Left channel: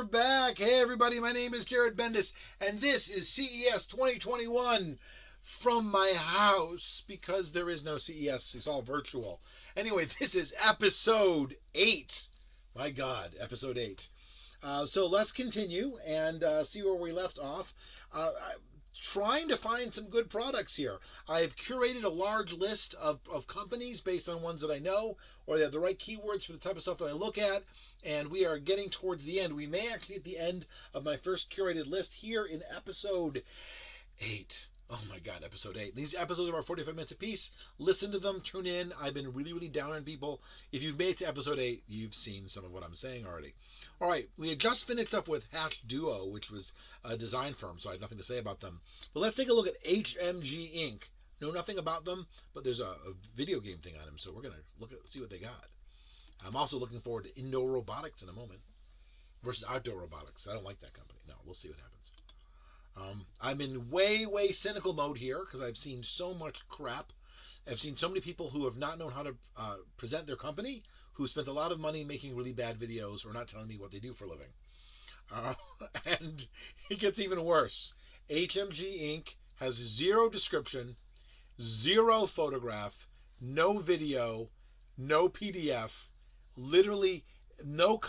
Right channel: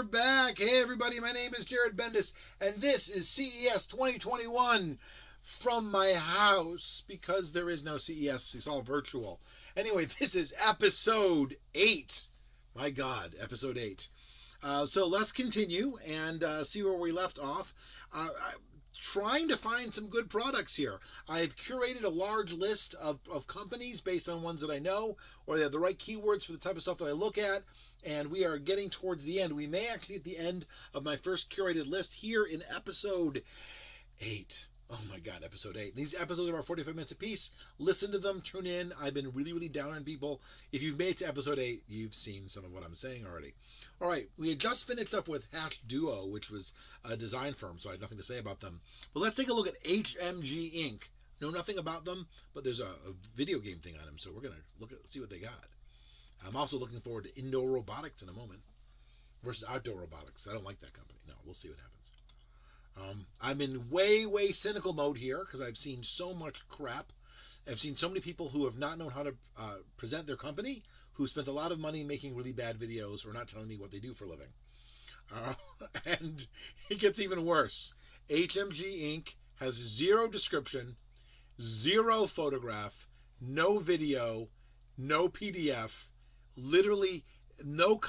we're back. Hey everybody, my name is Jared Bendis, and this is CES 2021 from my house, because there is no CES, it's all virtual. Anyway, this is episode 8. My God, episode 8. So let's continue and see where we left off. Trying to find some good products here. I've curated a large list of companies based on ones that I know, or they have the right keywords for the type of stuff that I look at, and we are getting towards the end. We may actually at the end of my first curated list here in episode 8. Oh my God, episode 8. These episodes are about 45 minutes apiece. Listen to them, tune in. I've been really down on people. If you've made it to episode 8, you've seen some of what I'm saying already. All right, we had just finished up with Hash Duo, which was a design firm, so I had nothing to say about them. But let's take a look at HMG Inc. Know nothing about them, but there's a video game thing on them, so we're going to see what they got. I'm also looking forward to Indoor Robotics in a moment versus Outdoor Robotics. I don't like that company. No, we'll see what happens. I'm in way cynical mode here because I've seen so much crap. I've seen so many people who have not known how to present their company, who spent a lot of money making really bad videos or not telling me what they do for a living. And it gets even worse. HMG Inc. has 0 description, 0 photograph, no video, no PDF, literally nothing.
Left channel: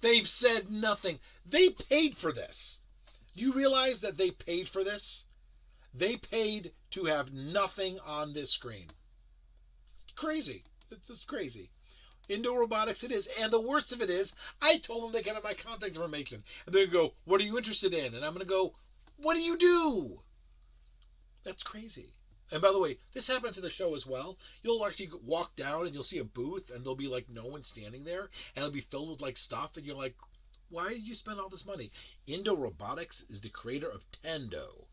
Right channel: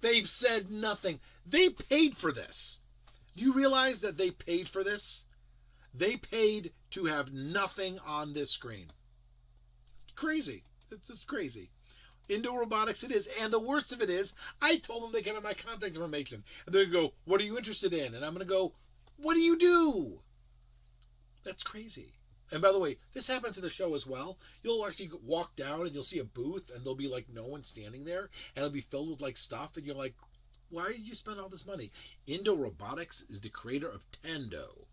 They've said nothing. They paid for this. You realize that they paid for this? They paid to have nothing on this screen. It's crazy. It's just crazy. Indoor Robotics it is. And the worst of it is, I told them they can have my contact information. And they're going to go, what are you interested in? And I'm going to go, what do you do? That's crazy. And by the way, this happens in the show as well. You'll actually walk down and you'll see a booth and there'll be like no one standing there. And it'll be filled with like stuff. And you're like, why did you spend all this money? Indoor Robotics is the creator of Tendo.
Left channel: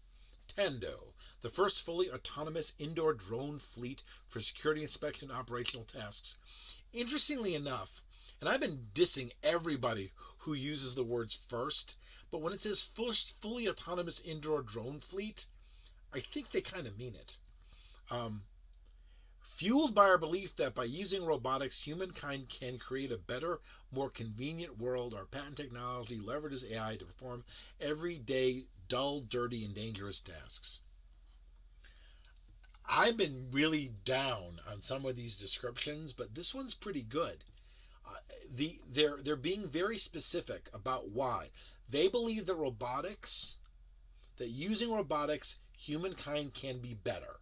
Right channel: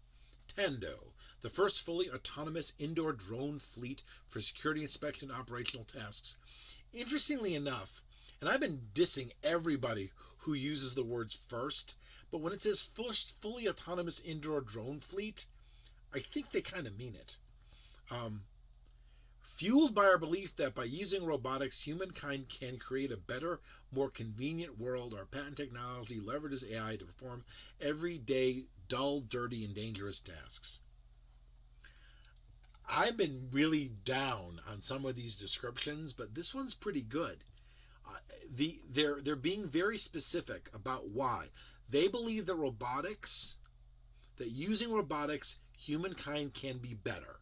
Tendo, the first fully autonomous indoor drone fleet for security inspection and operational tasks. Interestingly enough, and I've been dissing everybody who uses the words first, but when it says fully autonomous indoor drone fleet, I think they kind of mean it. Fueled by our belief that by using robotics, humankind can create a better, more convenient world, our patent technology leverages AI to perform everyday, dull, dirty, and dangerous tasks. I've been really down on some of these descriptions, but this one's pretty good. They're being very specific about why. They believe that using robotics, humankind can be better.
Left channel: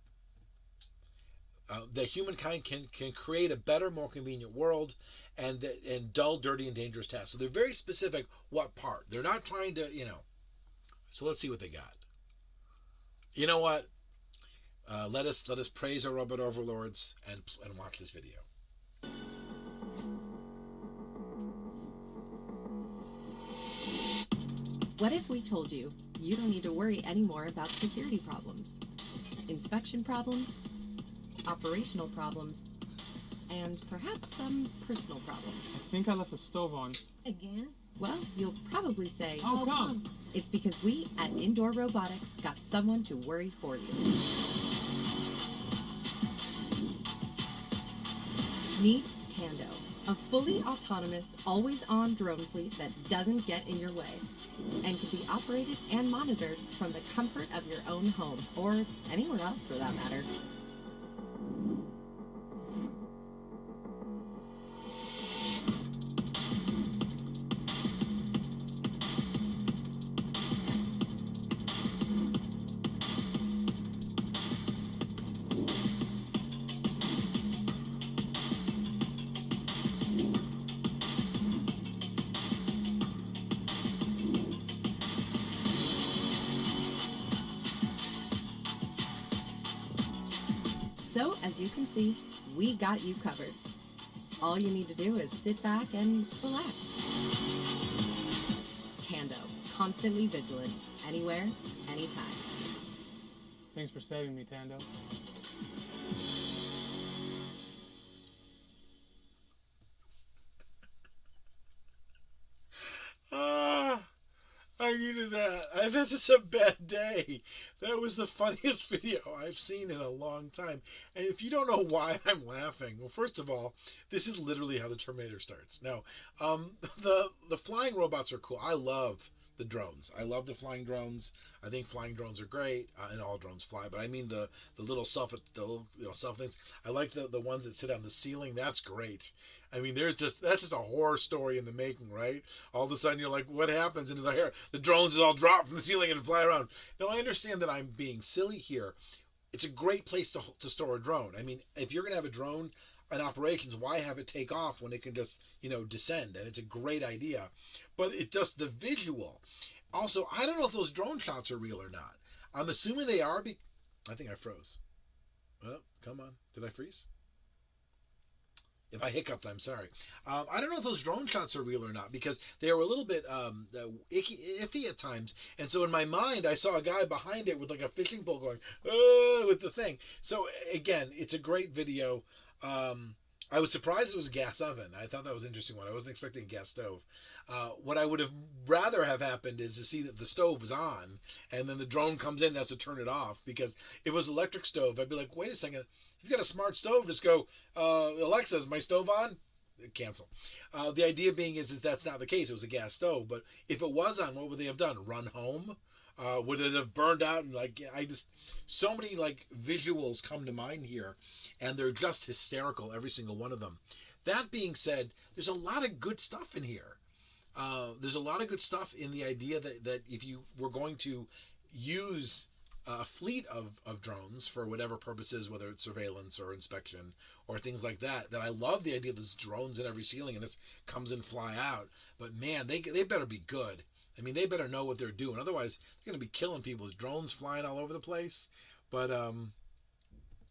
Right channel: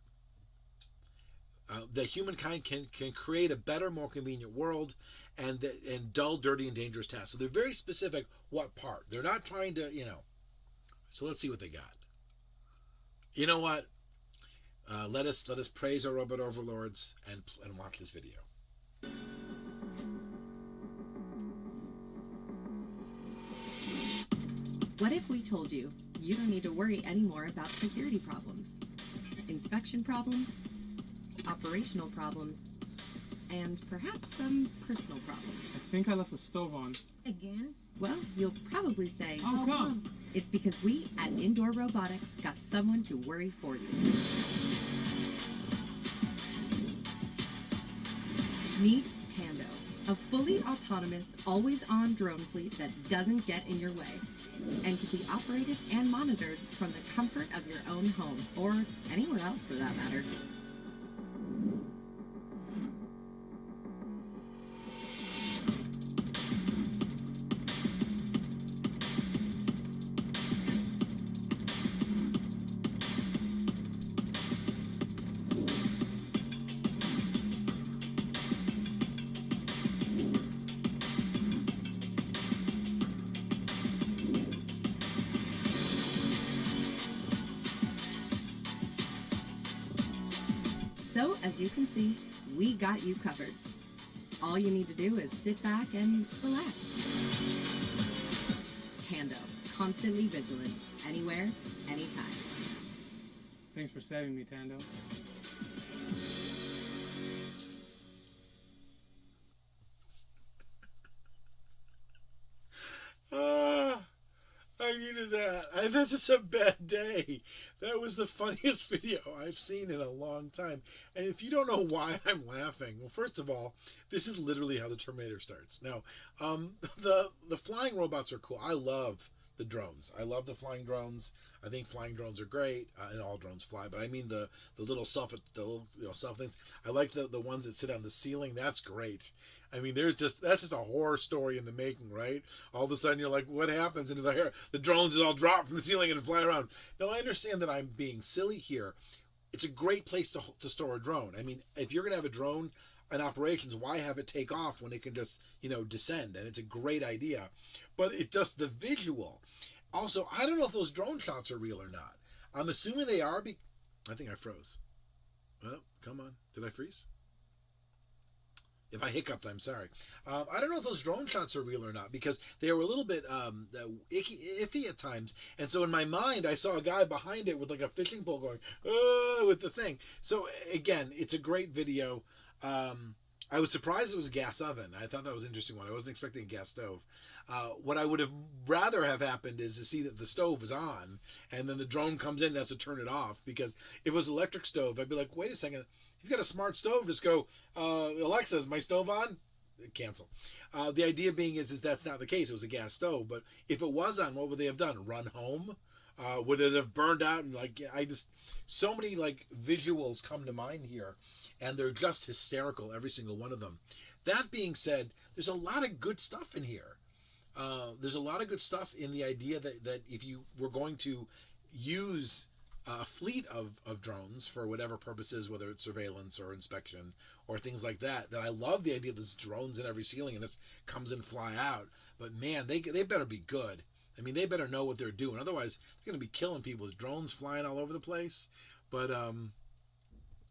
That humankind can create a better, more convenient world and dull, dirty, and dangerous tasks. So they're very specific what part. They're not trying to, So let's see what they got. You know what? Let us praise our robot overlords and watch this video. What if we told you you don't need to worry anymore about security problems, inspection problems, operational problems, and perhaps some personal problems? I think I left the stove on. Again? Well, you'll probably say, how come? It's because we at Indoor Robotics got someone to worry for you. Meet Tendo, a fully autonomous, always-on drone fleet that doesn't get in your way and can be operated and monitored from the comfort of your own home, or anywhere else for that matter. So, as you can see, we got you covered. All you need to do is sit back and relax. Tendo, constantly vigilant, anywhere, anytime. Thanks for saving me, Tendo. I needed that. I've had such a bad day. That was the funniest video I've seen in a long time. And if you don't know why I'm laughing, well, first of all, this is literally how the Terminator starts. Now, the flying robots are cool. I love the drones. I love the flying drones. I think flying drones are great, and all drones fly. But I mean the little self things. I like the ones that sit on the ceiling. That's great. I mean, that's just a horror story in the making, right? All of a sudden, you're like, what happens? And the drones all drop from the ceiling and fly around. Now, I understand that I'm being silly here. It's a great place to store a drone. I mean, if you're going to have a drone in operations, why have it take off when it can just, descend? And it's a great idea. But it just, the visual. Also, I don't know if those drone shots are real or not. I'm assuming they are. I think I froze. Well, come on. Did I freeze? If I hiccuped, I'm sorry. I don't know if those drone shots are real or not, because they were a little bit iffy at times. And so in my mind, I saw a guy behind it with like a fishing pole going, oh, with the thing. So again, it's a great video. I was surprised it was a gas oven. I thought that was an interesting one. I wasn't expecting a gas stove. What I would have rather have happened is to see that the stove was on, and then the drone comes in and has to turn it off, because if it was an electric stove, I'd be like, wait a second. If you've got a smart stove, just go, Alexa, is my stove on? Cancel. The idea being is that's not the case. It was a gas stove. But if it was on, what would they have done? Run home? Would it have burned out? And so many visuals come to mind here, and they're just hysterical, every single one of them. That being said, there's a lot of good stuff in here. There's a lot of good stuff in the idea that if you were going to use a fleet of drones for whatever purposes, whether it's surveillance or inspection or things like that I love the idea that there's drones in every ceiling and this comes and fly out. But man, they better be good. I mean, they better know what they're doing. Otherwise, they're going to be killing people with drones flying all over the place. But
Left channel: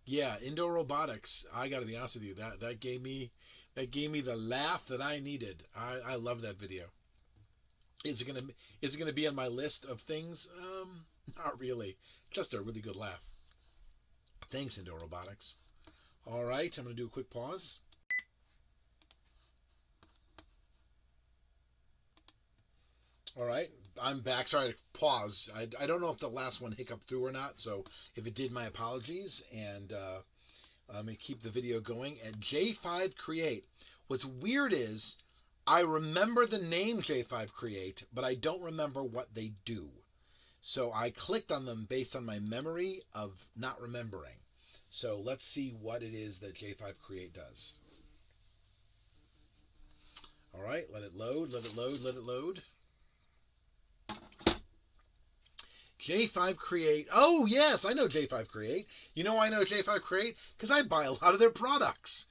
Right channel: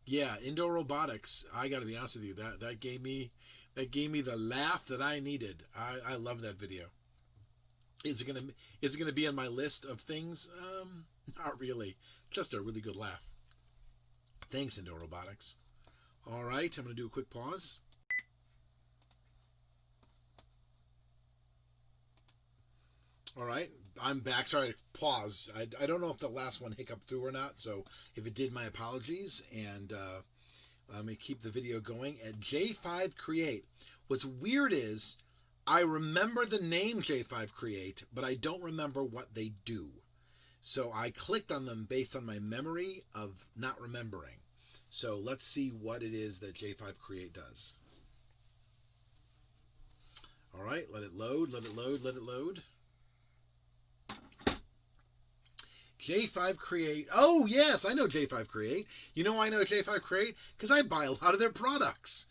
yeah, indoor robotics. I got to be honest with you, that gave me the laugh that I needed. I love that video. Is it gonna be on my list of things? Not really. Just a really good laugh. Thanks, Indoor Robotics. All right, I'm gonna do a quick pause. All right, I'm back. Sorry to pause. I don't know if the last one hiccuped through or not, so if it did, my apologies. And let me keep the video going at J5 Create. What's weird is I remember the name J5 Create, but I don't remember what they do. So I clicked on them based on my memory of not remembering. So let's see what it is that J5 Create does. All right, let it load, let it load, let it load. J5 Create. Oh, yes, I know J5 Create. You know I know J5 Create? Because I buy a lot of their products.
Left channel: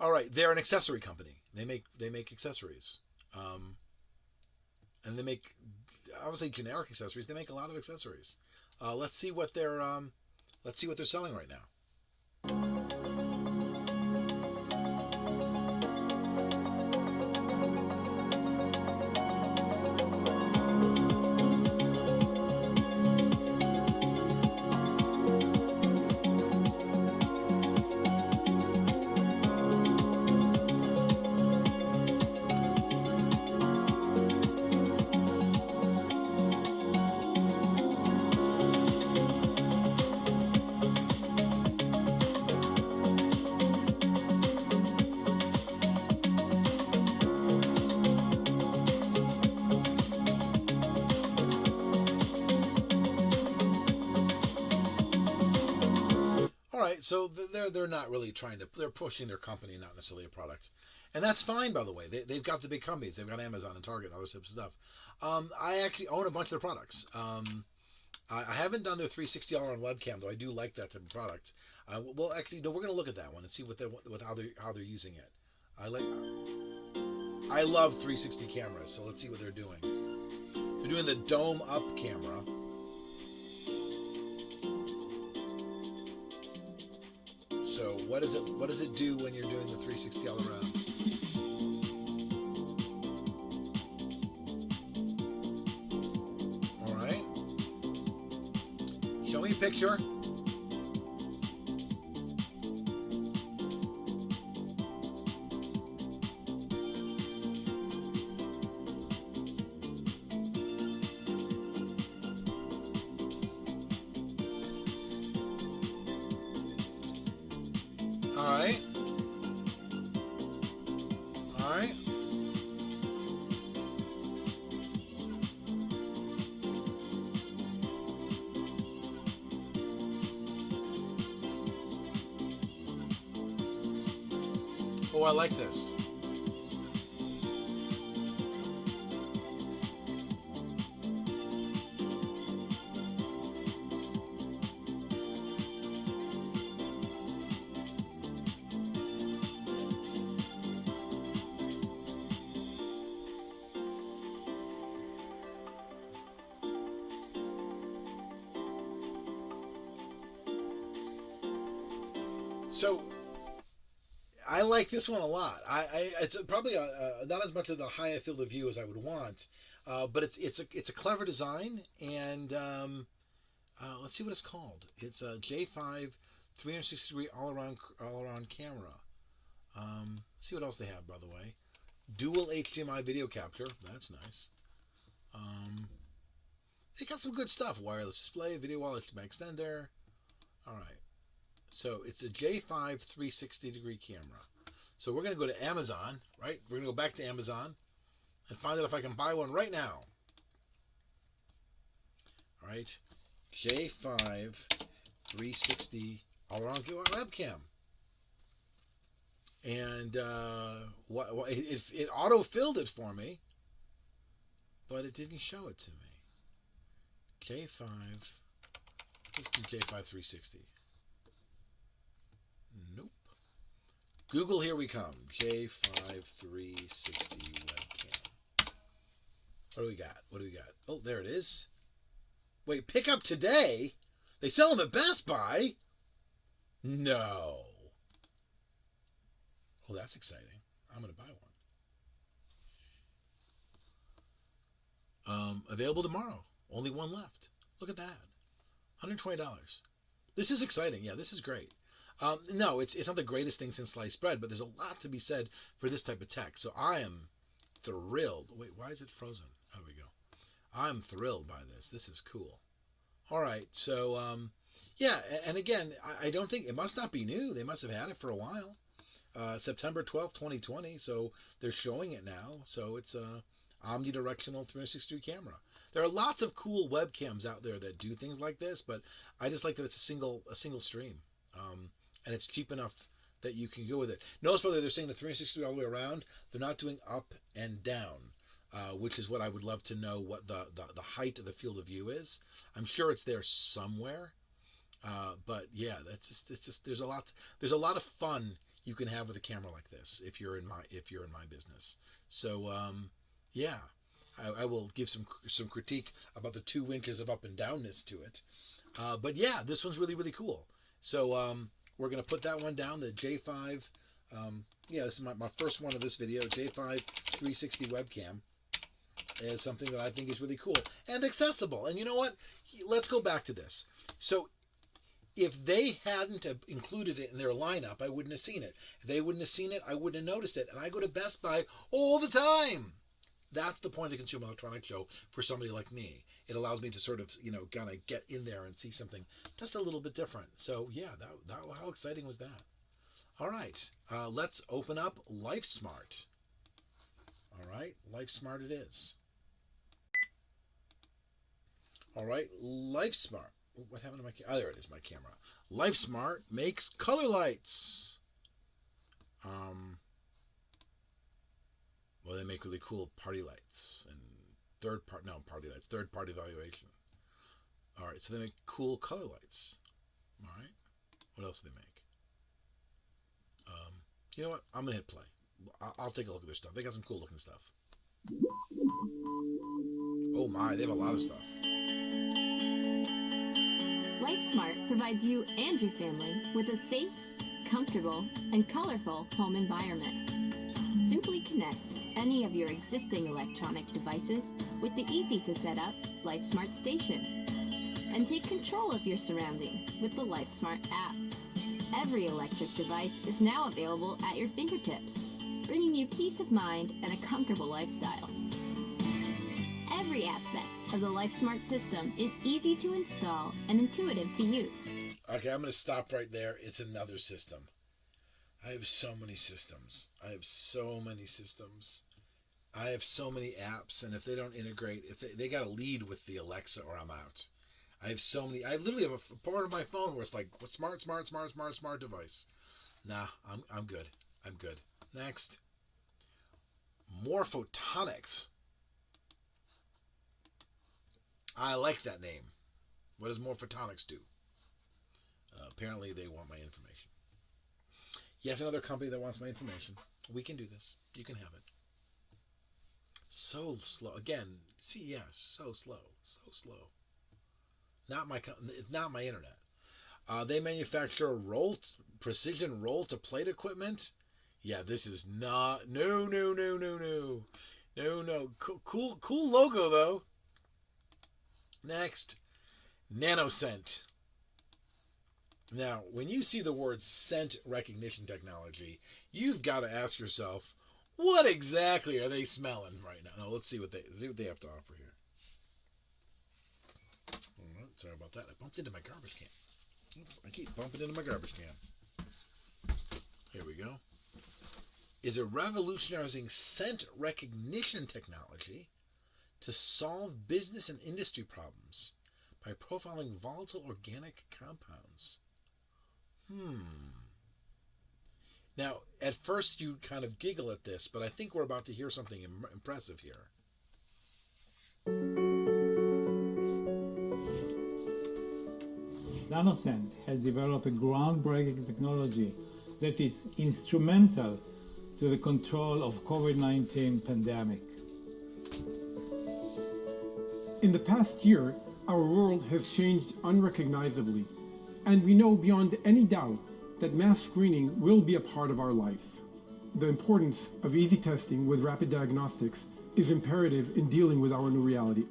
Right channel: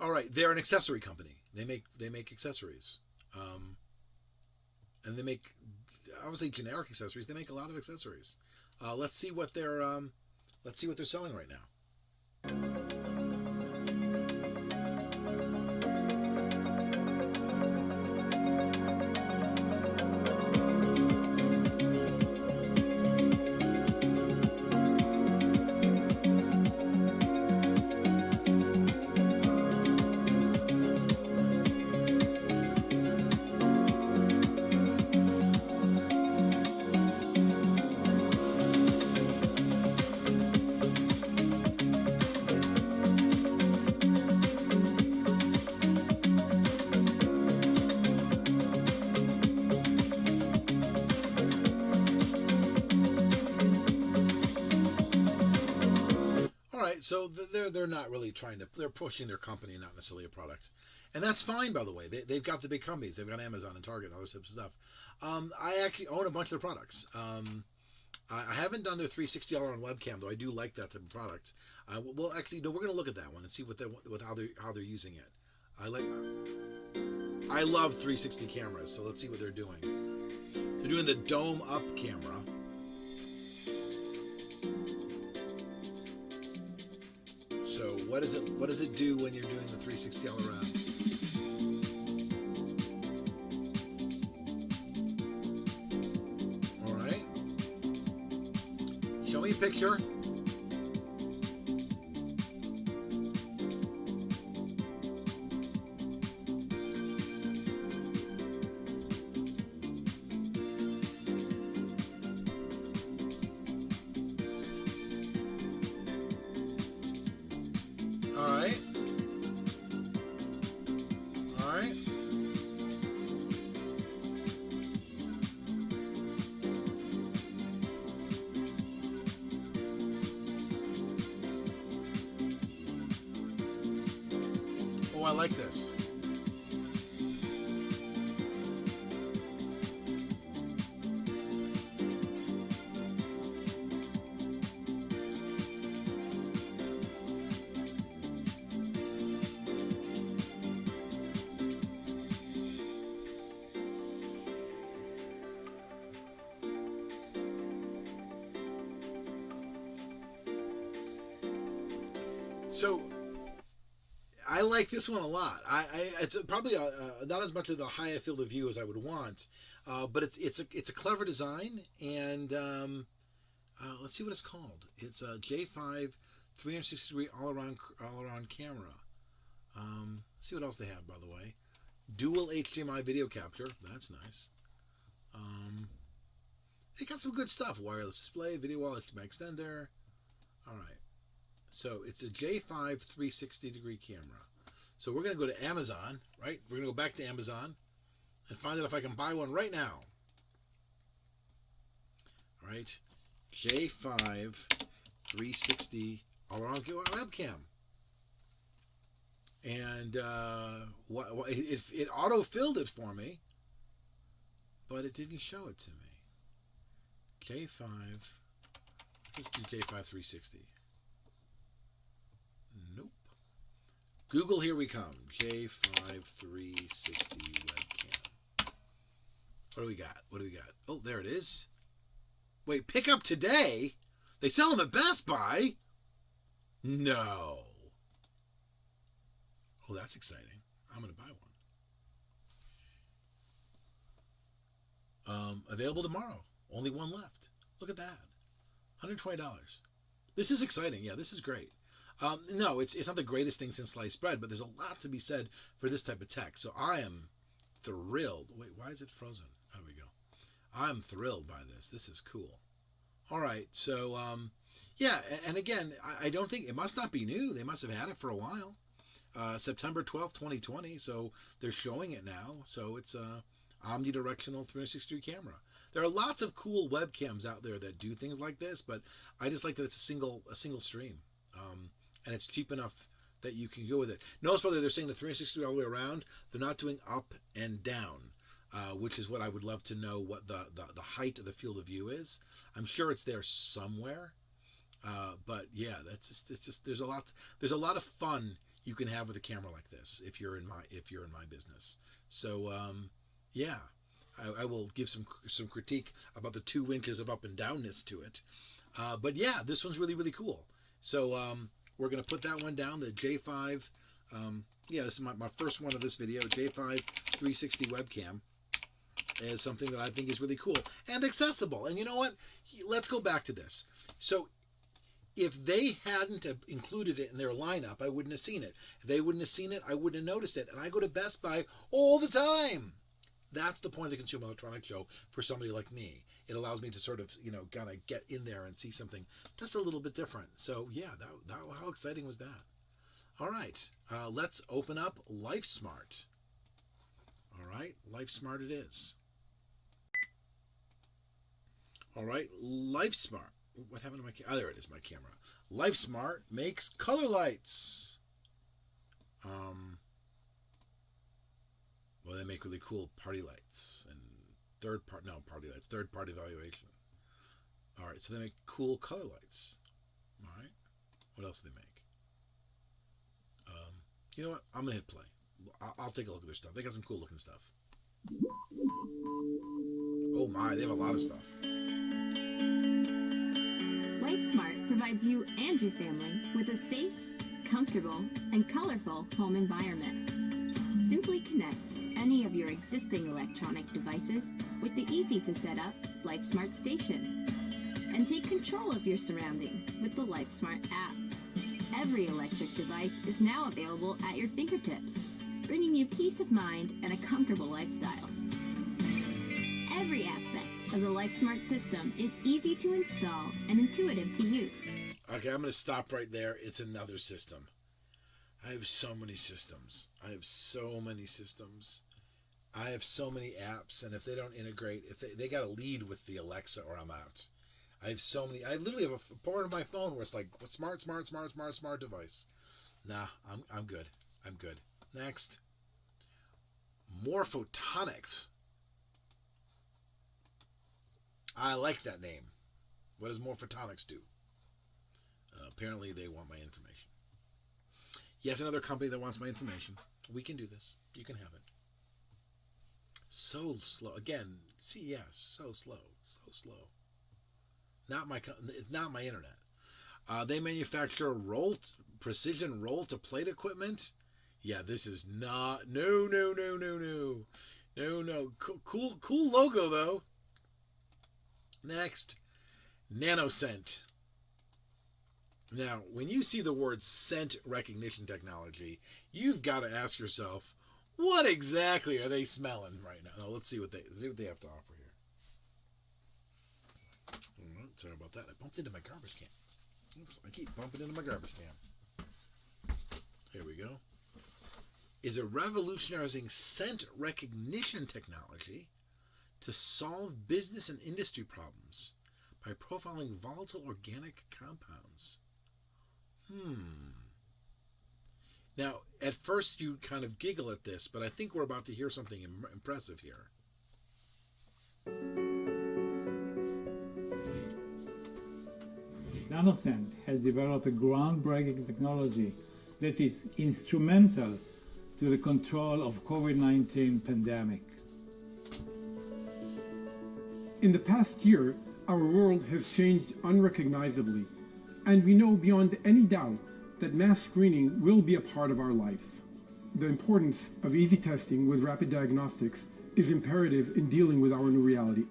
All right, they're an accessory company. They make accessories. And they make, I would say, generic accessories. They make a lot of accessories. Let's see what they're selling right now. So they're not really they're pushing their company, not necessarily a product. And that's fine, by the way. They've got the big companies. They've got Amazon and Target and other types of stuff. I actually own a bunch of their products. I haven't done their $360 on webcam, though I do like that type of product. Well, actually, no, we're going to look at that one and see how they're using it. I love 360 cameras, so let's see what they're doing. They're doing the dome up camera. So what does it do when you're doing the 360 all around? All right. Show me a picture. Oh, I like this. So I like this one a lot. It's probably not as much of the high field of view as I would want, but it's a clever design, and let's see what it's called. It's a J5 360 degree all around camera. See what else they have, by the way. Dual HDMI video capture. That's nice. They got some good stuff. Wireless display, video wall, HDMI extender. All right. So it's a J5 360 degree camera. So we're going to go to Amazon, right? We're going to go back to Amazon and find out if I can buy one right now. All right. J5 360 all around webcam. And it auto-filled it for me, but it didn't show it to me. J5, let's do J5 360. Nope. Google, here we come. J5 360 webcam. What do we got? What do we got? Oh, there it is. Wait, pick up today? They sell them at Best Buy? No. Oh, that's exciting. I'm going to buy one. Available tomorrow. Only one left. Look at that. $120. This is exciting. Yeah, this is great. No, it's not the greatest thing since sliced bread, but there's a lot to be said for this type of tech. So I am thrilled. Wait, why is it frozen? There we go. I'm thrilled by this. This is cool. All right. So, yeah. And again, I don't think, it must not be new. They must have had it for a while. September 12th, 2020. So they're showing it now. So it's a omnidirectional 360 camera. There are lots of cool webcams out there that do things like this, but I just like that it's a single stream. And it's cheap enough that you can go with it. Notice whether they're saying the 360 all the way around, they're not doing up and down, which is what I would love to know what the height of the field of view is. I'm sure it's there somewhere. But yeah, it's just there's a lot of fun you can have with a camera like this if you're in my business. So yeah, I will give some critique about the 2 inches of up and downness to it. But yeah, this one's really, really cool. So we're going to put that one down, the J5. Yeah, this is my first one of this video. J5 360 webcam is something that I think is really cool and accessible. And you know what? Let's go back to this. So if they hadn't have included it in their lineup, I wouldn't have seen it. If they wouldn't have seen it, I wouldn't have noticed it. And I go to Best Buy all the time. That's the point of the Consumer Electronics Show for somebody like me. It allows me to sort of, kind of get in there and see something just a little bit different. So yeah, that how exciting was that? All right, let's open up LifeSmart. All right, LifeSmart it is. All right, LifeSmart. What happened to my camera? Oh, there it is, my camera. LifeSmart makes color lights. Well, they make really cool party lights and third-party evaluation. All right, so they make cool color lights. All right, what else do they make? You know what? I'm gonna hit play. I'll take a look at their stuff. They got some cool looking stuff. Oh my, they have a lot of stuff. LifeSmart provides you and your family with a safe, comfortable, and colorful home environment. Simply connect any of your existing electronic devices with the easy-to-set-up LifeSmart station and take control of your surroundings with the LifeSmart app. Every electric device is now available at your fingertips, bringing you peace of mind and a comfortable lifestyle. Every aspect of the LifeSmart system is easy to install and intuitive to use. Okay, I'm going to stop right there. It's another system. I have so many systems. I have so many apps, and if they don't integrate, if they got to lead with the Alexa or I'm out. I have so many. I literally have a part of my phone where it's like smart device. Nah, I'm good. Next, Morphotonics. I like that name. What does Morphotonics do? Apparently they want my information. Yes, another company that wants my information. We can do this. You can have it. So slow. Again, CES. So slow. So slow. Not my internet. They manufacture precision roll-to-plate equipment. Yeah, this is not... No. Cool logo, though. Next, NanoScent. Now, when you see the word scent recognition technology, you've got to ask yourself, what exactly are they smelling right now? Now, let's see what they have to offer here. Oh, sorry about that. I bumped into my garbage can. Oops, I keep bumping into my garbage can. Here we go. Is a revolutionizing scent recognition technology to solve business and industry problems by profiling volatile organic compounds. Now, at first you kind of giggle at this, but I think we're about to hear something impressive here. NanoScent has developed a groundbreaking technology that is instrumental to the control of COVID-19 pandemic. In the past year, our world has changed unrecognizably, and we know beyond any doubt that mass screening will be a part of our lives. The importance of easy testing with rapid diagnostics is imperative in dealing with our new reality.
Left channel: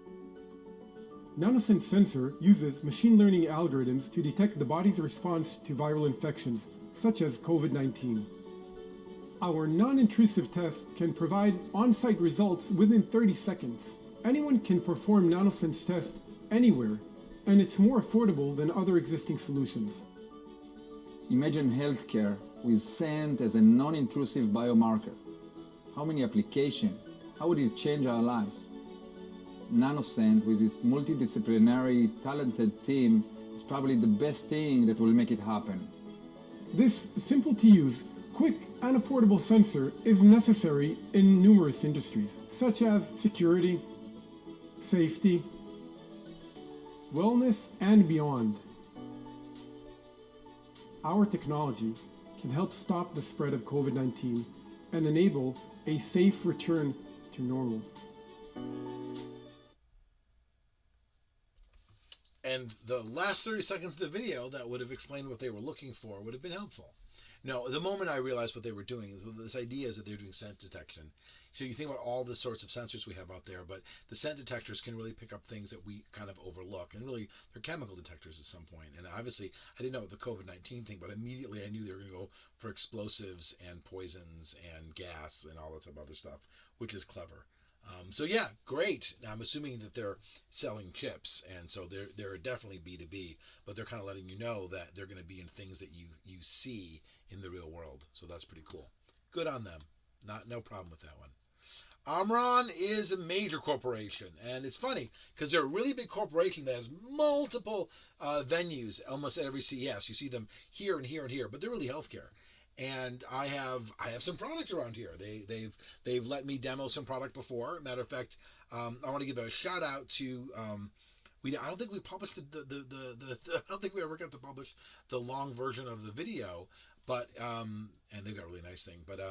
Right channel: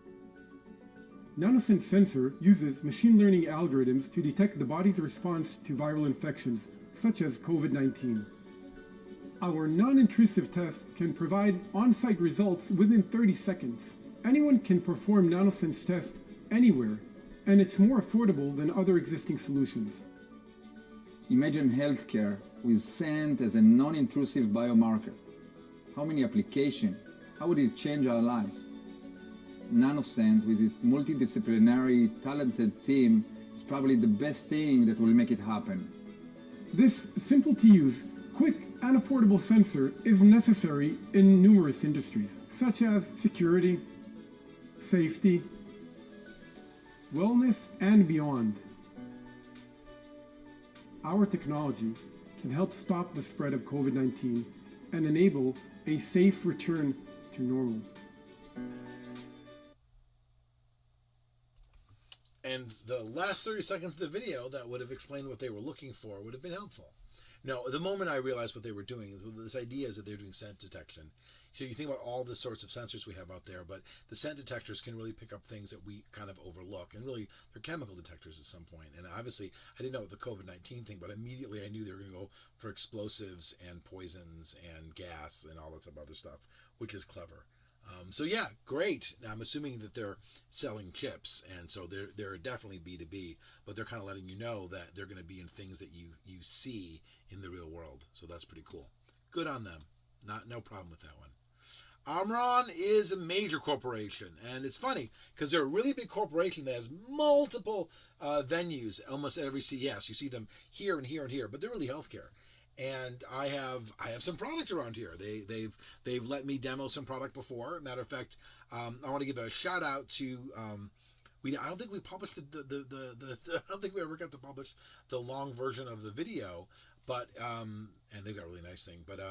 NanoScent sensor uses machine learning algorithms to detect the body's response to viral infections, such as COVID-19. Our non-intrusive test can provide on-site results within 30 seconds. Anyone can perform NanoScent's test anywhere, and it's more affordable than other existing solutions. Imagine healthcare with scent as a non-intrusive biomarker. How many applications? How would it change our lives? NanoScent, with its multidisciplinary, talented team, is probably the best thing that will make it happen. This simple-to-use, quick, and affordable sensor is necessary in numerous industries, such as security, safety, wellness, and beyond. Our technology can help stop the spread of COVID-19 and enable a safe return to normal. And the last 30 seconds of the video that would have explained what they were looking for would have been helpful. No, the moment I realized what they were doing, this idea is that they're doing scent detection. So you think about all the sorts of sensors we have out there, but the scent detectors can really pick up things that we kind of overlook. And really, they're chemical detectors at some point. And obviously, I didn't know what the COVID-19 thing, but immediately I knew they were going to go for explosives and poisons and gas and all that other stuff, which is clever. So yeah, great. Now I'm assuming that they're selling chips, and so they're definitely B2B, but they're kind of letting you know that they're going to be in things that you see in the real world. So that's pretty cool. Good on them. No problem with that one. Omron is a major corporation, and it's funny because they're a really big corporation that has multiple venues almost at every CES. You see them here and here and here, but they're really healthcare. And I have some product around here. They've let me demo some product before. Matter of fact, I want to give a shout out to I don't think we published I don't think we ever got to publish the long version of the video, but and they've got a really nice thing. But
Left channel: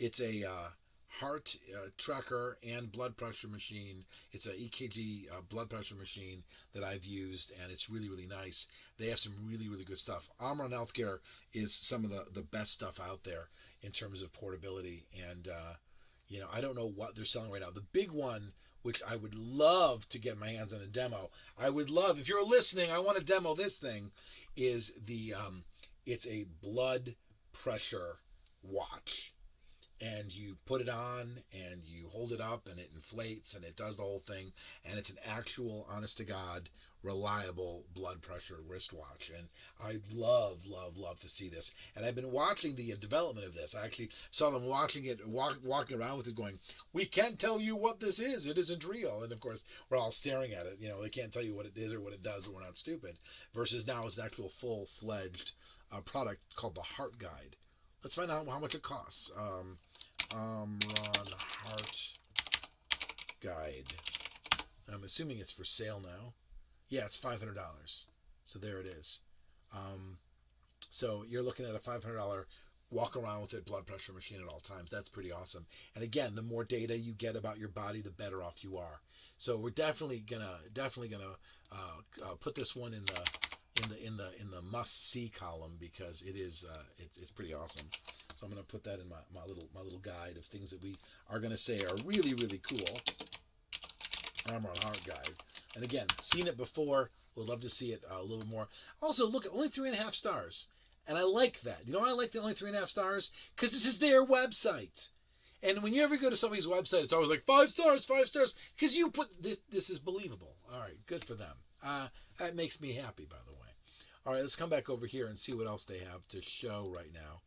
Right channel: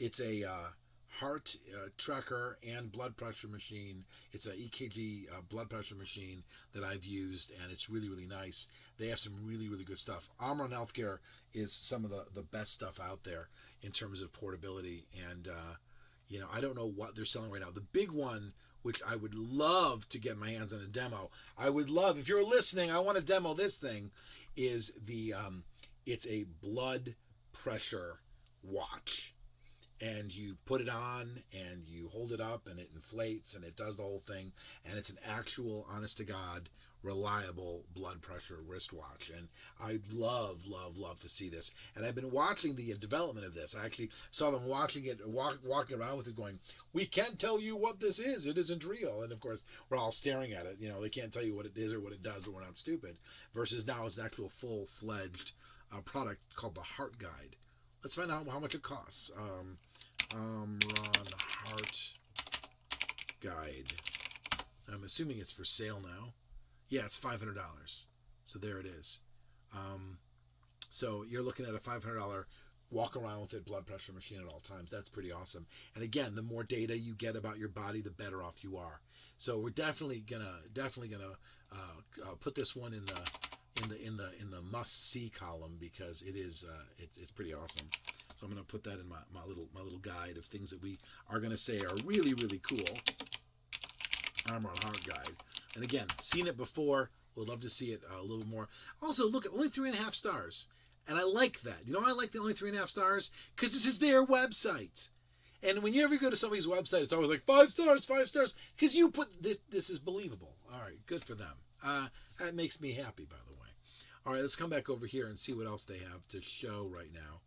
it's a heart tracker and blood pressure machine. It's a EKG blood pressure machine that I've used, and it's really, really nice. They have some really, really good stuff. Omron Healthcare is some of the best stuff out there in terms of portability, and I don't know what they're selling right now. The big one, which I would love to get my hands on a demo, if you're listening, I want to demo this thing, is it's a blood pressure watch. And you put it on and you hold it up and it inflates and it does the whole thing. And it's an actual, honest to God, reliable blood pressure wristwatch. And I'd love to see this. And I've been watching the development of this. I actually saw them watching it, walking around with it going, we can't tell you what this is. It isn't real. And of course, we're all staring at it. They can't tell you what it is or what it does, but we're not stupid. Versus now it's an actual full-fledged product called the Heartguide. Let's find out how much it costs. Omron Heartguide. I'm assuming it's for sale now. Yeah, it's $500. So there it is. So you're looking at a $500 walk around with it blood pressure machine at all times. That's pretty awesome. And again, the more data you get about your body, the better off you are. So we're definitely gonna put this one in the must see column, because it is it's pretty awesome. So I'm gonna put that in my little guide of things that we are gonna say are really, really cool. Omron Heartguide. And again, seen it before. Would love to see it a little more. Also, look, only 3.5 stars. And I like that. You know why I like the only 3.5 stars? Because this is their website. And when you ever go to somebody's website, it's always like 5 stars, 5 stars. Because you put this is believable. All right, good for them. That makes me happy, by the way. All right, let's come back over here and see what else they have to show right now.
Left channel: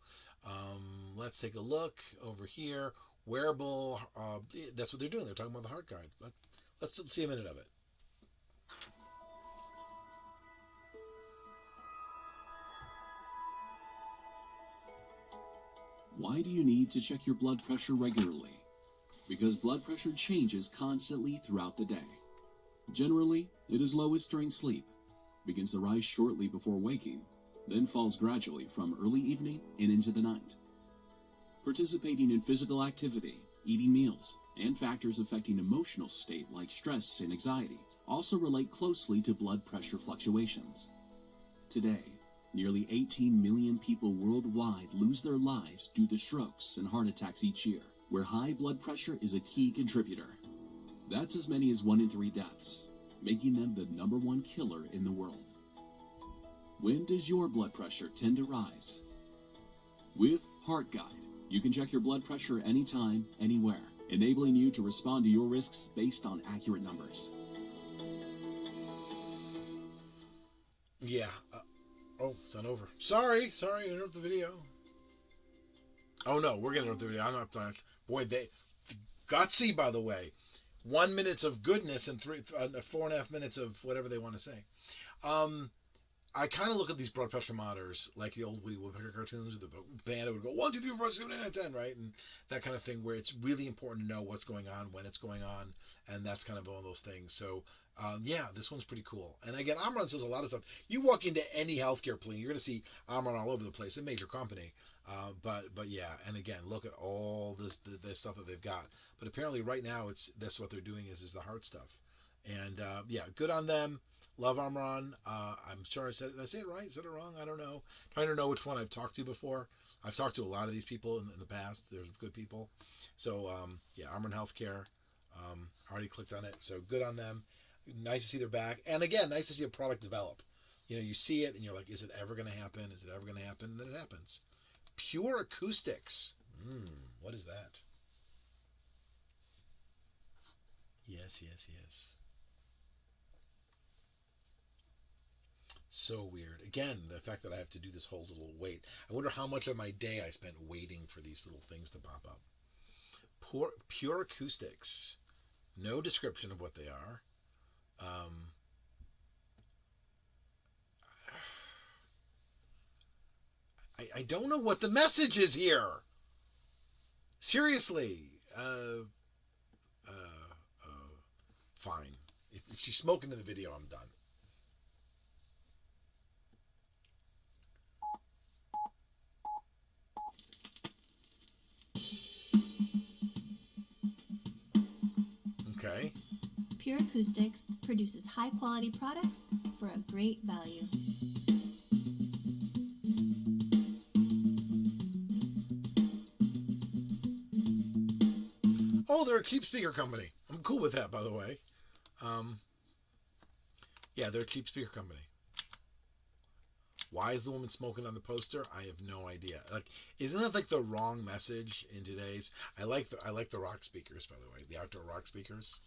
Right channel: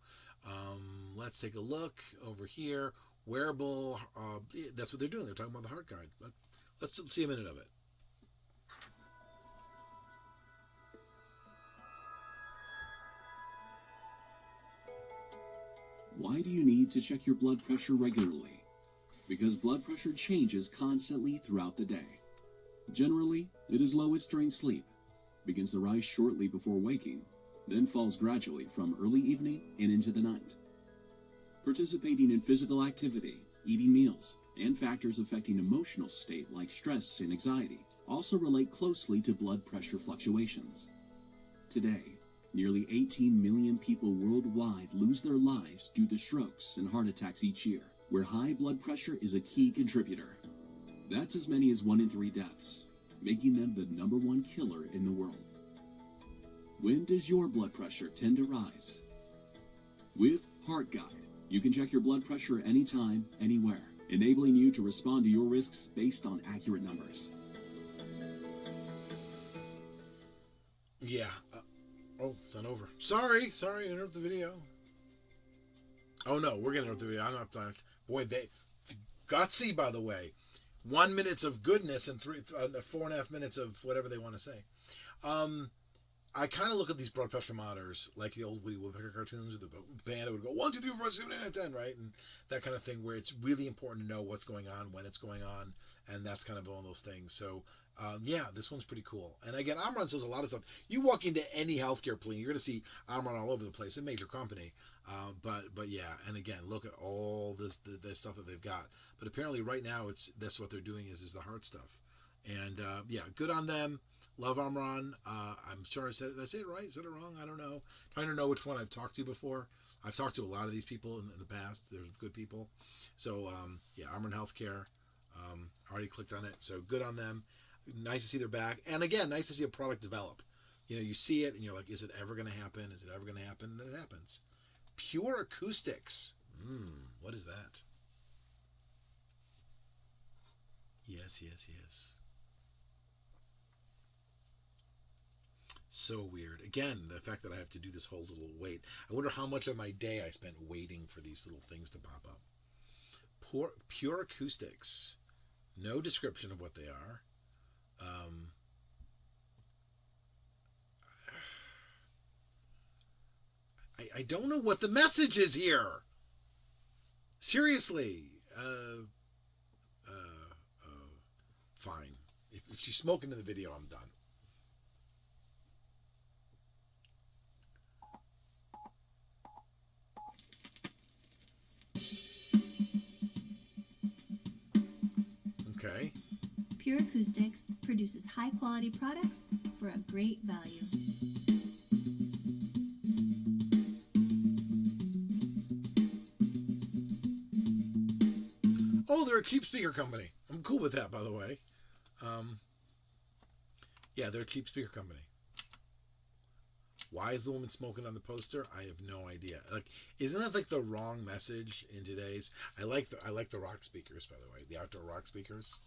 Let's take a look over here. Wearable, that's what they're doing. They're talking about the Heartguide. Let's see a minute of it. Why do you need to check your blood pressure regularly? Because blood pressure changes constantly throughout the day. Generally, it is lowest during sleep, begins to rise shortly before waking, then falls gradually from early evening and into the night. Participating in physical activity, eating meals, and factors affecting emotional state like stress and anxiety also relate closely to blood pressure fluctuations. Today, nearly 18 million people worldwide lose their lives due to strokes and heart attacks each year, where high blood pressure is a key contributor. That's as many as 1 in 3 deaths, making them the #1 killer in the world. When does your blood pressure tend to rise? With Heartguide, you can check your blood pressure anytime, anywhere, enabling you to respond to your risks based on accurate numbers. Yeah. Oh, it's not over. Sorry, interrupt the video. Oh no, we're gonna interrupt the video. I'm not planning. Boy, they gutsy, by the way. 1 minute of goodness and 4.5 minutes of whatever they want to say. I kind of look at these blood pressure monitors like the old Woody Woodpecker cartoons, where the band would go 1, 2, 3, 4, 5, 6, 7, 8, 9, 10, right, and that kind of thing, where it's really important to know what's going on, when it's going on, and that's kind of one of those things. So yeah, this one's pretty cool. And again, Omron says a lot of stuff. You walk into any healthcare clinic, you're going to see Omron all over the place, a major company. But yeah, and again, look at all this stuff that they've got. But apparently right now that's what they're doing is the heart stuff. And yeah, good on them. Love Omron. I'm sure did I say it right? Is it wrong? I don't know. Trying to know which one I've talked to before. I've talked to a lot of these people in the past. They're good people. So yeah, Omron Healthcare. Already clicked on it. So good on them. Nice to see they're back. And again, nice to see a product develop. You know, you see it and you're like, is it ever going to happen? Is it ever going to happen? And then it happens. Pure Acoustics. What is that? Yes. So weird. Again, the fact that I have to do this whole little wait. I wonder how much of my day I spent waiting for these little things to pop up. Pure Acoustics. No description of what they are. I don't know what the message is here. Seriously. Fine. If she's smoking in the video, I'm done. Okay. Pure Acoustics produces high-quality products for a great value. Oh, they're a cheap speaker company. I'm cool with that, by the way. Yeah, they're a cheap speaker company. Why is the woman smoking on the poster? I have no idea. Like, isn't that like the wrong message in today's? I like the rock speakers, by the way, the outdoor rock speakers.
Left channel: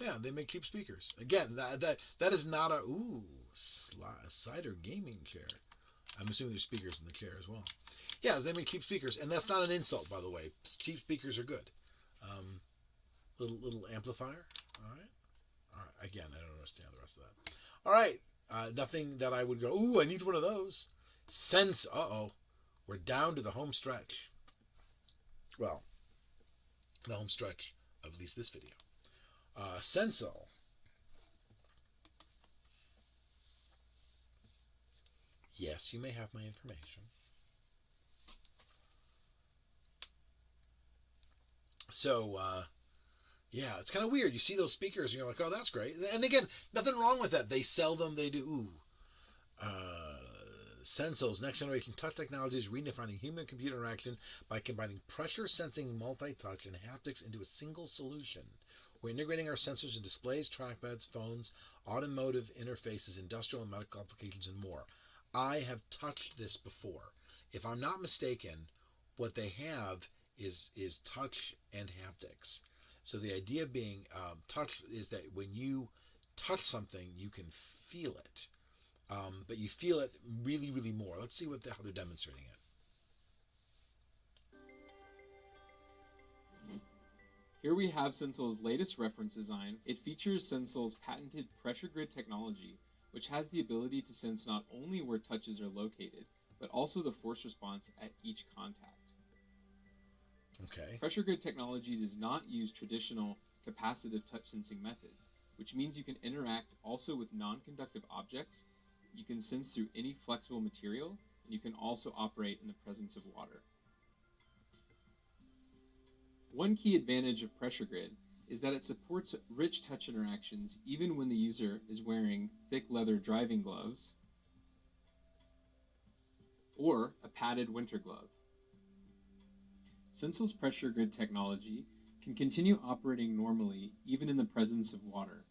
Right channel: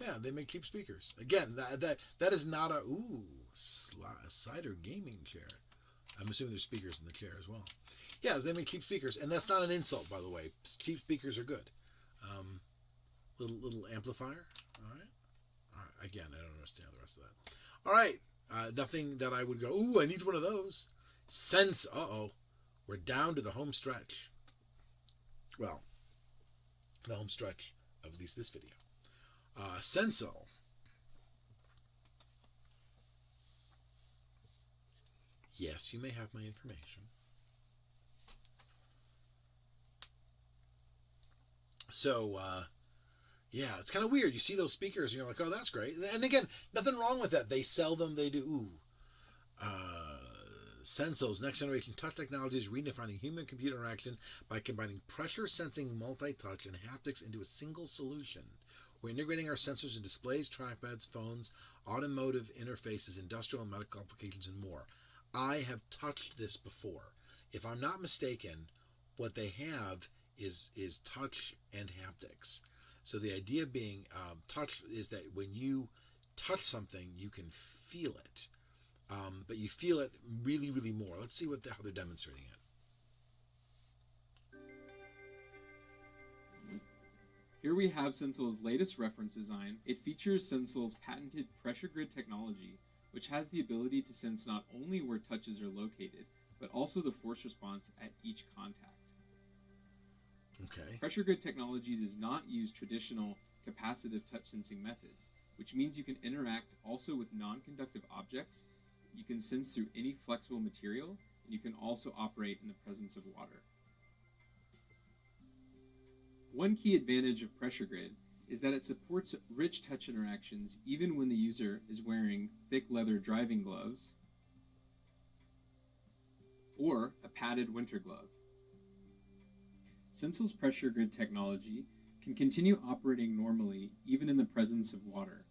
Yeah, they make cheap speakers. Again, that is not a cider gaming chair. I'm assuming there's speakers in the chair as well. Yeah, they make cheap speakers, and that's not an insult, by the way. Cheap speakers are good. Little amplifier. All right. Again, I don't understand the rest of that. All right. Nothing that I would go, ooh, I need one of those. We're down to the home stretch. Well, the home stretch of at least this video. Sensel. Yes, you may have my information. So, yeah, it's kind of weird. You see those speakers and you're like, oh, that's great. And again, nothing wrong with that. They sell them. They do. Ooh. Sensel's next generation touch technology is redefining human-computer interaction by combining pressure-sensing multi-touch and haptics into a single solution. We're integrating our sensors in displays, trackpads, phones, automotive interfaces, industrial and medical applications, and more. I have touched this before. If I'm not mistaken, what they have is touch and haptics. So the idea being touch is that when you touch something, you can feel it. But you feel it really, really more. Let's see how they're demonstrating it. Here we have Sensel's latest reference design. It features Sensel's patented pressure grid technology, which has the ability to sense not only where touches are located, but also the force response at each contact. Okay. Pressure grid technology does not use traditional capacitive touch sensing methods, which means you can interact also with non-conductive objects, you can sense through any flexible material, and you can also operate in the presence of water. One key advantage of pressure grid is that it supports rich touch interactions even when the user is wearing thick leather driving gloves or a padded winter glove. Sensel's pressure grid technology can continue operating normally even in the presence of water.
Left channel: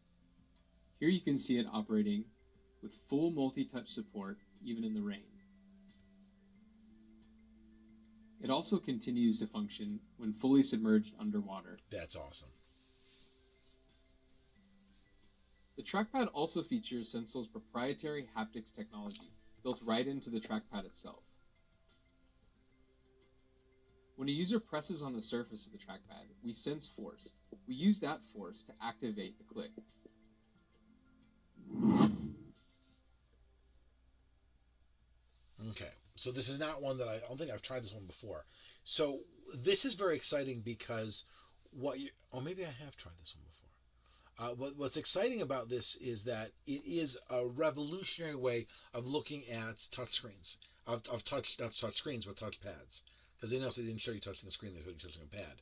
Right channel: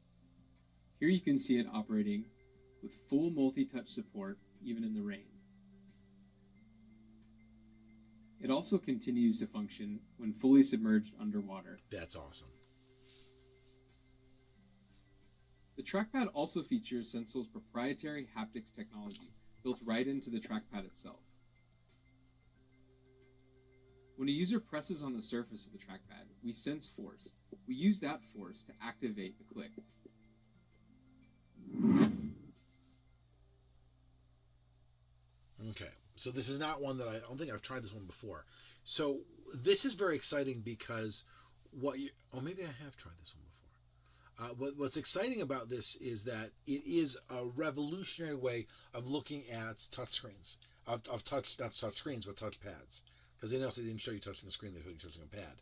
Here you can see it operating with full multi-touch support even in the rain. It also continues to function when fully submerged underwater. That's awesome. The trackpad also features Sensel's proprietary haptics technology built right into the trackpad itself. When a user presses on the surface of the trackpad, we sense force. We use that force to activate the click. Okay, so this is not one that I don't think I've tried this one before. So this is very exciting because maybe I have tried this one before. What's exciting about this is that it is a revolutionary way of looking at touchscreens, not touch screens, but touch pads. Because they didn't show you touching a screen, they showed you touching a pad.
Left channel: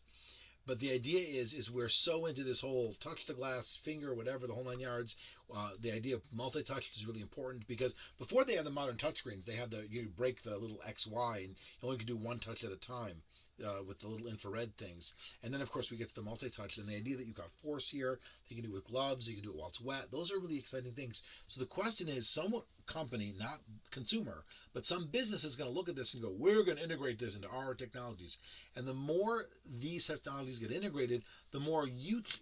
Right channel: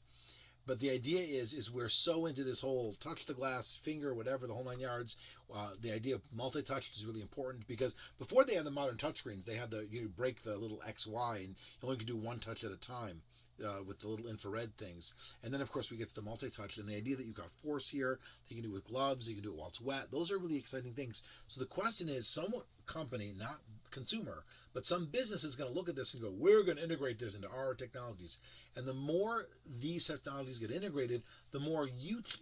But the idea is we're so into this whole touch the glass, finger, whatever, the whole 9 yards. The idea of multi-touch is really important because before they had the modern touchscreens, they had you break the little XY and you only could do one touch at a time with the little infrared things. And then, of course, we get to the multi-touch and the idea that you've got force here, you can do it with gloves, you can do it while it's wet. Those are really exciting things. So the question is, some company, not consumer, but some business is going to look at this and go, we're going to integrate this into our technologies. And the more these technologies get integrated, the more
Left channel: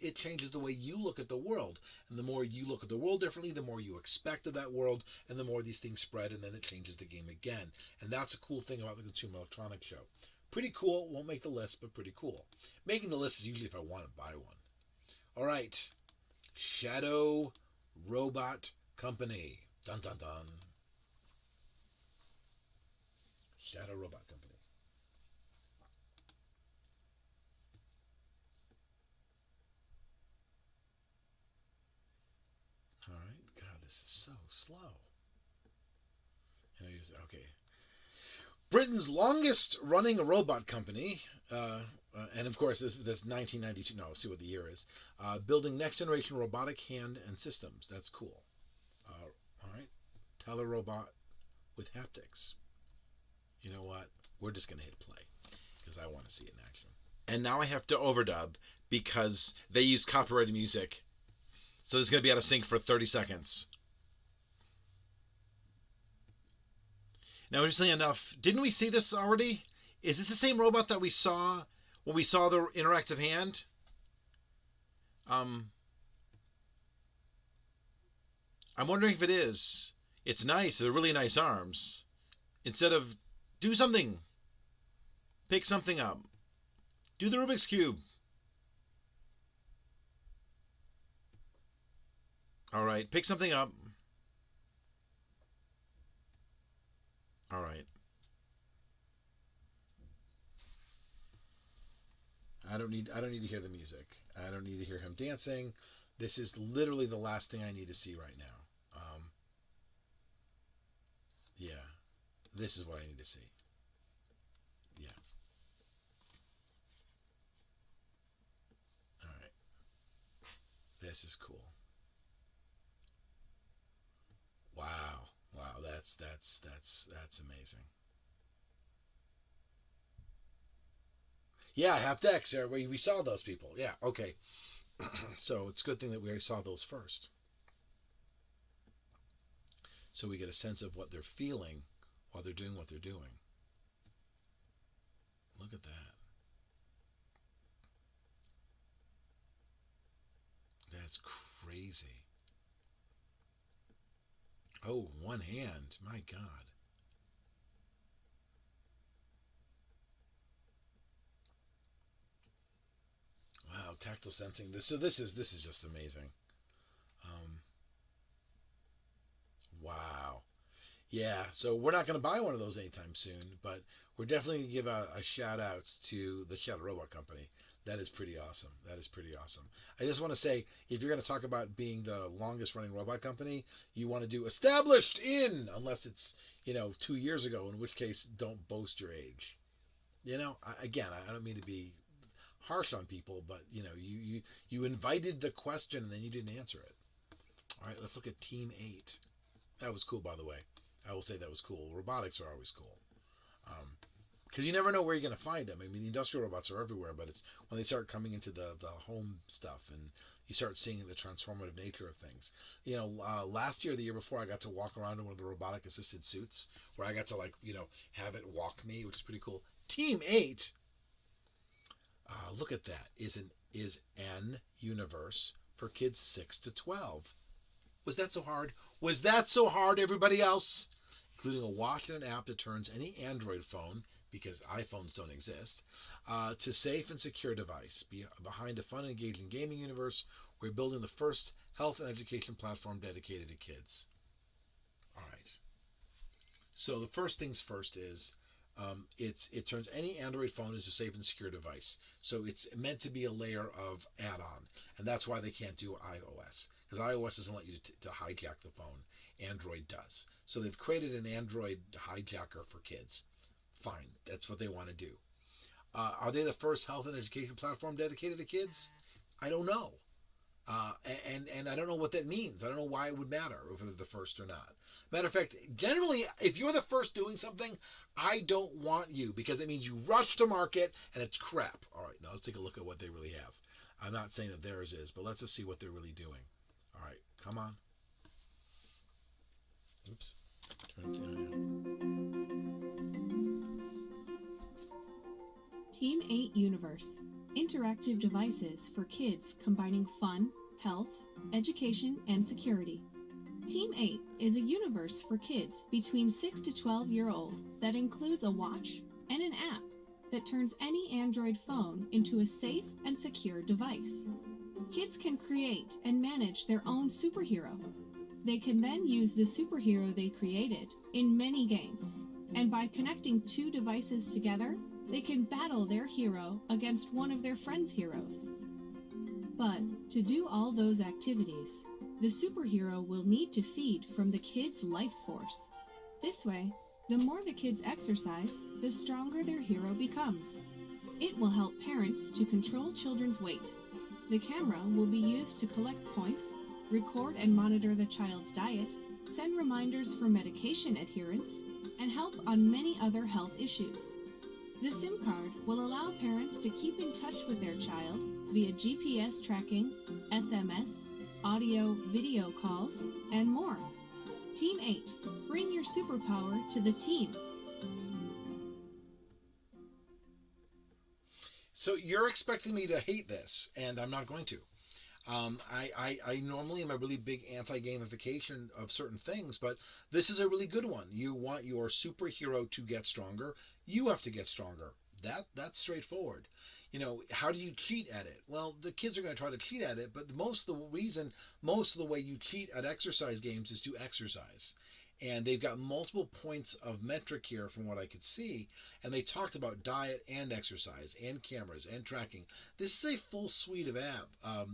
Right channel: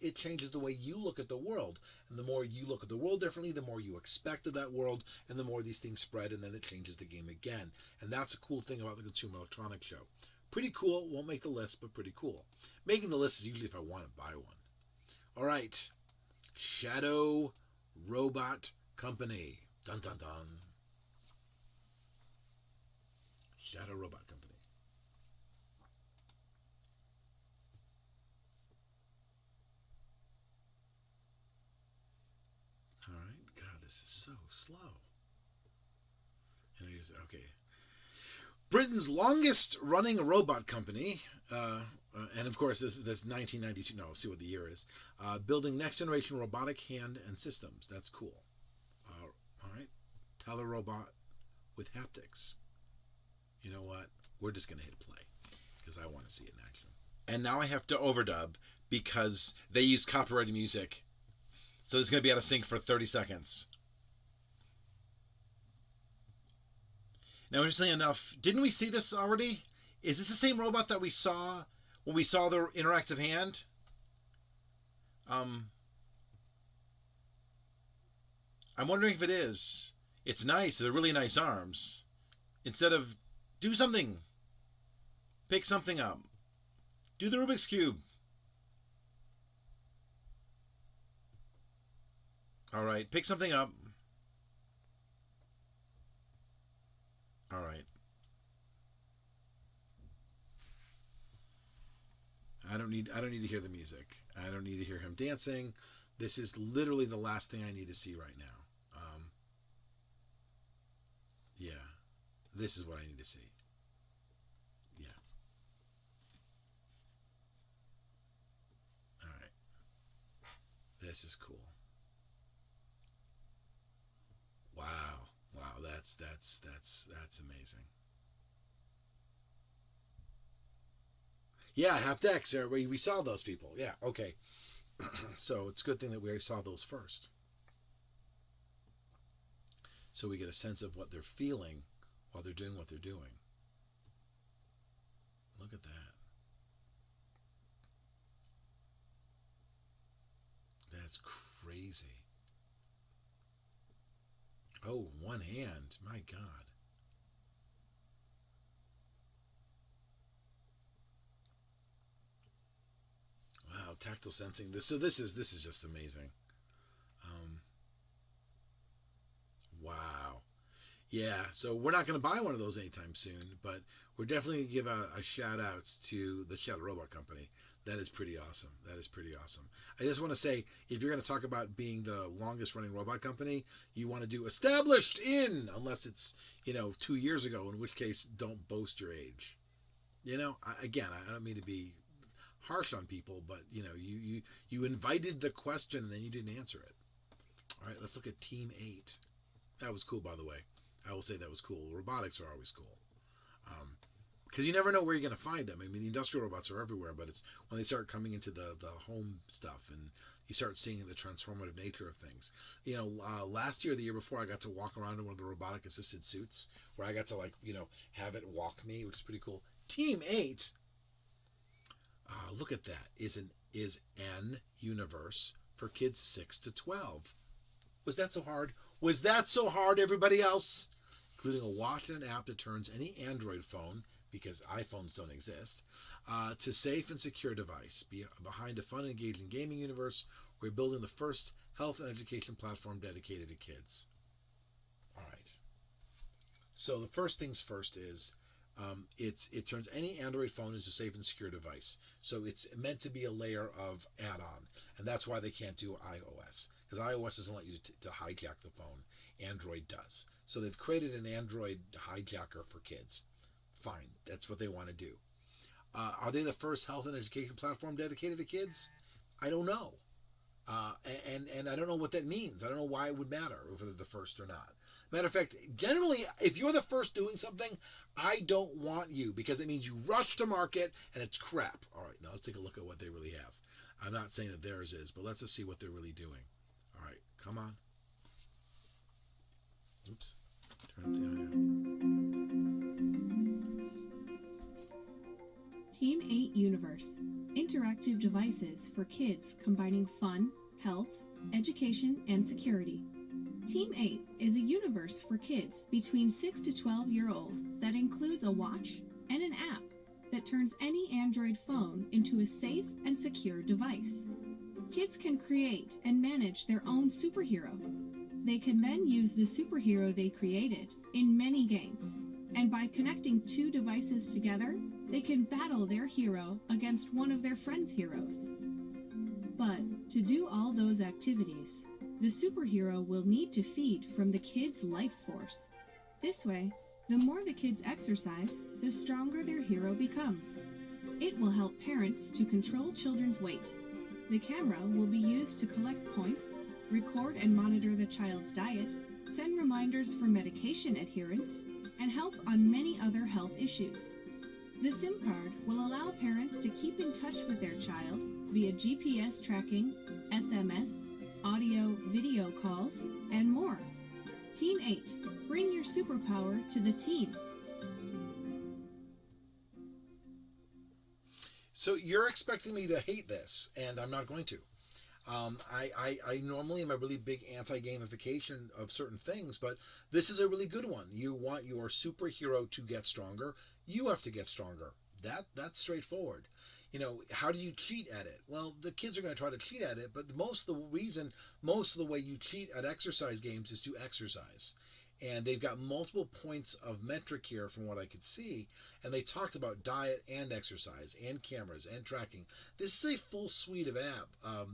it changes the way you look at the world. And the more you look at the world differently, the more you expect of that world, and the more these things spread, and then it changes the game again. And that's a cool thing about the Consumer Electronics Show. Pretty cool. Won't make the list, but pretty cool. Making the list is usually if I want to buy one. All right. Shadow Robot Company. Dun, dun, dun. Shadow Robot Company. All right. God, this is so slow. Okay. Britain's longest running robot company, and of course that's 1992. No, see what the year is. Building next generation robotic hand and systems. That's cool. All right. Telerobot with haptics. You know what? We're just going to hit play because I want to see it in action. And now I have to overdub because they use copyrighted music. So it's going to be out of sync for 30 seconds. Now, interestingly enough, didn't we see this already? Is this the same robot that we saw when we saw the interactive hand? I'm wondering if it is. It's nice. They're really nice arms. Instead of do something, pick something up. Do the Rubik's Cube. All right, pick something up. All right. don't need to hear the music. I don't need to hear him dancing. This is literally the last thing I need to see right now. Yeah, this is what I need to see. Yeah. All right. This is cool. Wow. Wow, that's amazing. Yeah, haptics. We saw those people. Yeah, okay. So it's a good thing that we already saw those first. So we get a sense of what they're feeling while they're doing what they're doing. Look at that. That's crazy. Oh, one hand. My God. Wow, tactile sensing. This is just amazing. Wow. Yeah, so we're not going to buy one of those anytime soon, but we're definitely going to give a shout out to the Shadow Robot Company. That is pretty awesome. That is pretty awesome. I just want to say, if you're going to talk about being the longest running robot company, you want to do established in, unless it's, 2 years ago, in which case don't boast your age. Again, I don't mean to be harsh on people, but you invited the question and then you didn't answer it. All right, let's look at Team 8. That was cool, by the way. I will say that was cool. Robotics are always cool. Because you never know where you're going to find them. I mean, the industrial robots are everywhere, but it's when they start coming into the home stuff and you start seeing the transformative nature of things. Last year, the year before, I got to walk around in one of the robotic assisted suits where I got to have it walk me, which is pretty cool. Team 8, look at that, is an universe for kids 6 to 12. Was that so hard? Was that so hard, everybody else? Including a watch and an app that turns any Android phone, because iPhones don't exist, to safe and secure device. Behind a fun and engaging gaming universe, we're building the first health and education platform dedicated to kids. All right. So the first things first is it turns any Android phone into a safe and secure device. So it's meant to be a layer of add-on, and that's why they can't do iOS, because iOS doesn't let you to hijack the phone. Android does. So they've created an Android hijacker for kids. Fine, that's what they want to do. Are they the first health and education platform dedicated to kids? I don't know. And I don't know what that means. I don't know why it would matter if they're the first or not. Matter of fact, generally, if you're the first doing something, I don't want you, because it means you rush to market and it's crap. All right, now let's take a look at what they really have. I'm not saying that theirs is, but let's just see what they're really doing. All right, come on. Oops. Turn it down. Team 8 Universe. Interactive devices for kids combining fun, health, education, and security. Team 8 is a universe for kids between 6 to 12-year-old that includes a watch and an app that turns any Android phone into a safe and secure device. Kids can create and manage their own superhero. They can then use the superhero they created in many games, and by connecting two devices together, they can battle their hero against one of their friends' heroes. But to do all those activities, the superhero will need to feed from the kid's life force. This way, the more the kids exercise, the stronger their hero becomes. It will help parents to control children's weight. The camera will be used to collect points, record and monitor the child's diet, send reminders for medication adherence, and help on many other health issues. The SIM card will allow parents to keep in touch with their child via GPS tracking, SMS, audio, video calls, and more. Team 8, bring your superpower to the team. So you're expecting me to hate this, and I'm not going to. I normally am a really big anti-gamification of certain things, but this is a really good one. You want your superhero to get stronger, you have to get stronger. That's straightforward. How do you cheat at it? Well, the kids are going to try to cheat at it, but most of the way you cheat at exercise games is to exercise. And they've got multiple points of metric here from what I could see. And they talked about diet and exercise and cameras and tracking. This is a full suite of app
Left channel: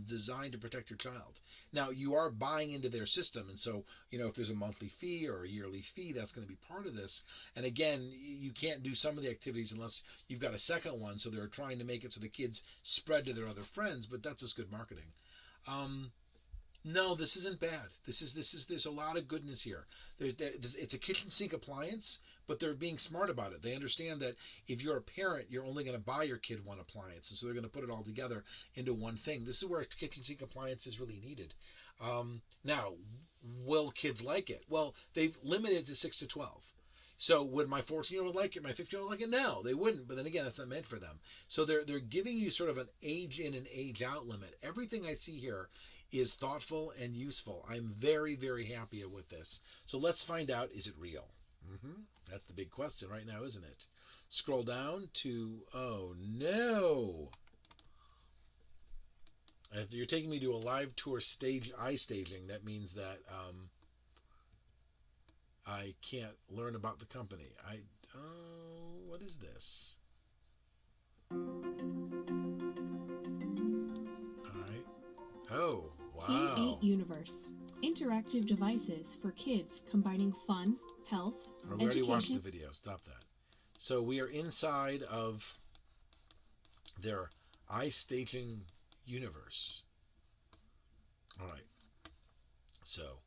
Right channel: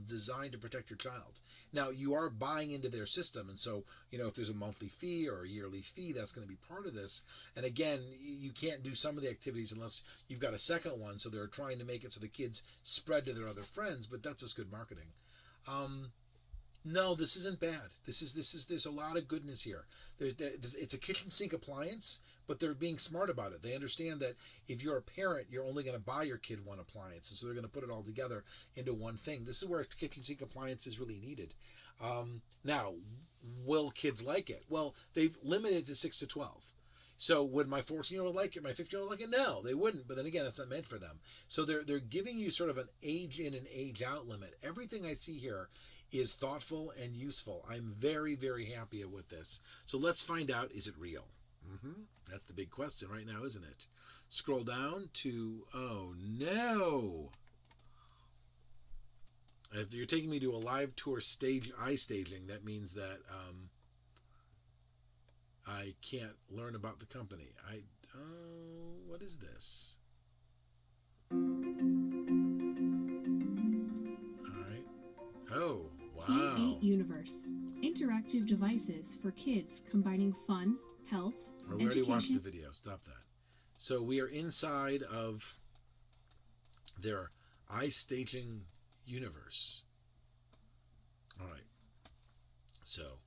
designed to protect your child. Now, you are buying into their system. And so, if there's a monthly fee or a yearly fee, that's going to be part of this. And again, you can't do some of the activities unless you've got a second one. So they're trying to make it so the kids spread to their other friends, but that's just good marketing. No, this isn't bad. There's a lot of goodness here. It's a kitchen sink appliance, but they're being smart about it. They understand that if you're a parent, you're only going to buy your kid one appliance, and so they're going to put it all together into one thing. This is where a kitchen sink appliance is really needed. Now, will kids like it? Well, they've limited it to 6 to 12. So would my 14-year-old like it? My 15-year-old like it? No, they wouldn't. But then again, that's not meant for them. So they're giving you sort of an age in and age out limit. Everything I see here is thoughtful and useful. I'm very, very happy with this. So let's find out, is it real? That's the big question right now, isn't it? Scroll down to, oh no. If you're taking me to a live tour eye staging, that means that I can't learn about the company. What is this? All right. Oh, wow. Team 8 Universe. Interactive devices for kids combining fun, health, we already watched the video. Stop that. So we are inside of their eye staging universe. All right. So,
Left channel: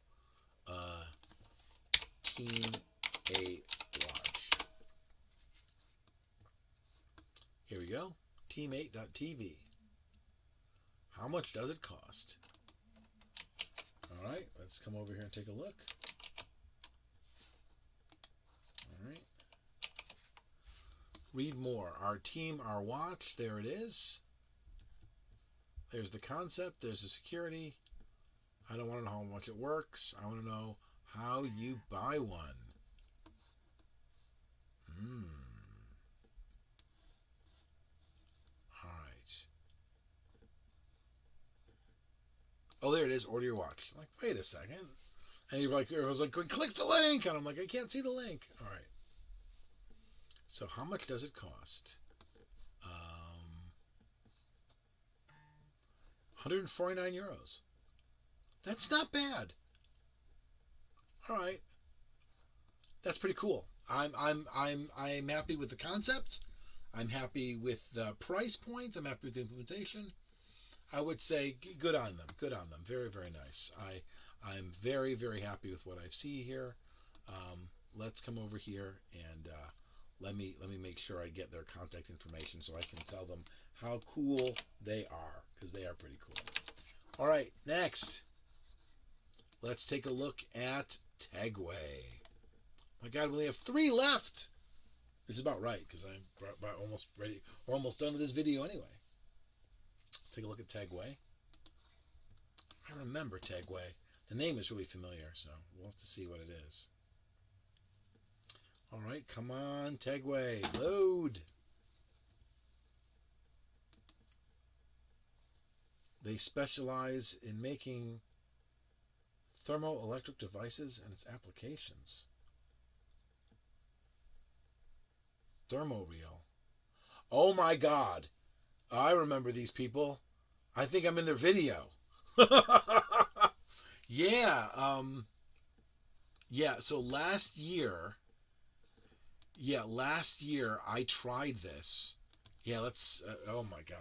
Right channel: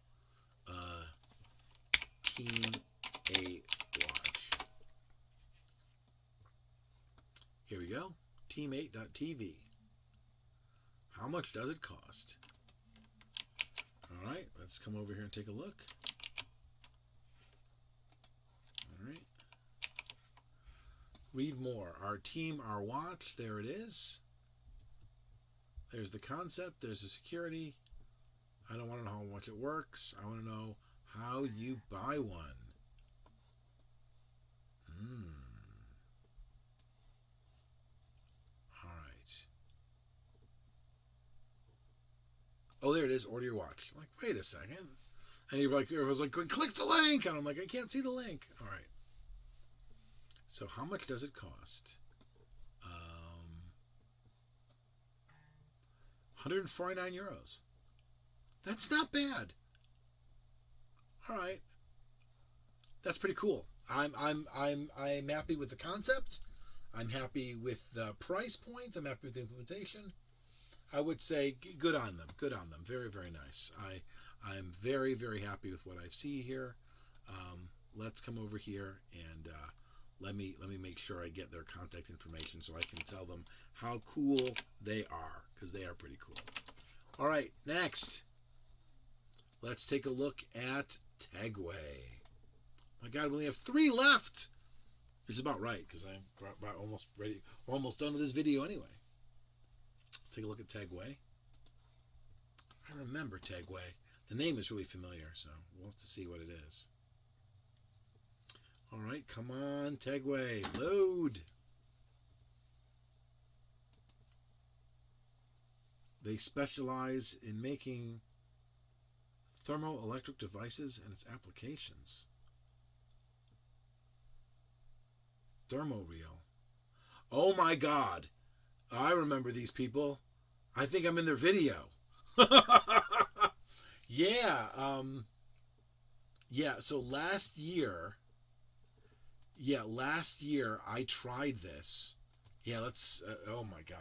Team 8 watch. Here we go. Team8.tv. How much does it cost? All right, let's come over here and take a look. All right. Read more. Our team, our watch. There it is. There's the concept. There's the security. I don't want to know how much it works. I want to know how you buy one. All right. Oh, there it is. Order your watch. I'm like, wait a second. And you're like, everyone's like, click the link. And I'm like, I can't see the link. All right. So how much does it cost? 149 euros. That's not bad. All right. That's pretty cool. I'm happy with the concept. I'm happy with the price point. I'm happy with the implementation. I would say good on them. Good on them. Very, very nice. I'm very, very happy with what I see here. Let's come over here and let me make sure I get their contact information so I can tell them how cool they are, because they are pretty cool. All right, next. Let's take a look at Tegway. My God, we only have 3 left. Which is about right, because I'm almost ready. We're almost done with this video anyway. Let's take a look at Tegway. I remember Tegway. The name is really familiar, so we'll have to see what it is. All right, come on, Tegway, load. They specialize in making thermoelectric devices and its applications. Thermoreal. Oh my God. I remember these people. I think I'm in their video. Yeah. So last year I tried this. Yeah, let's, oh my God.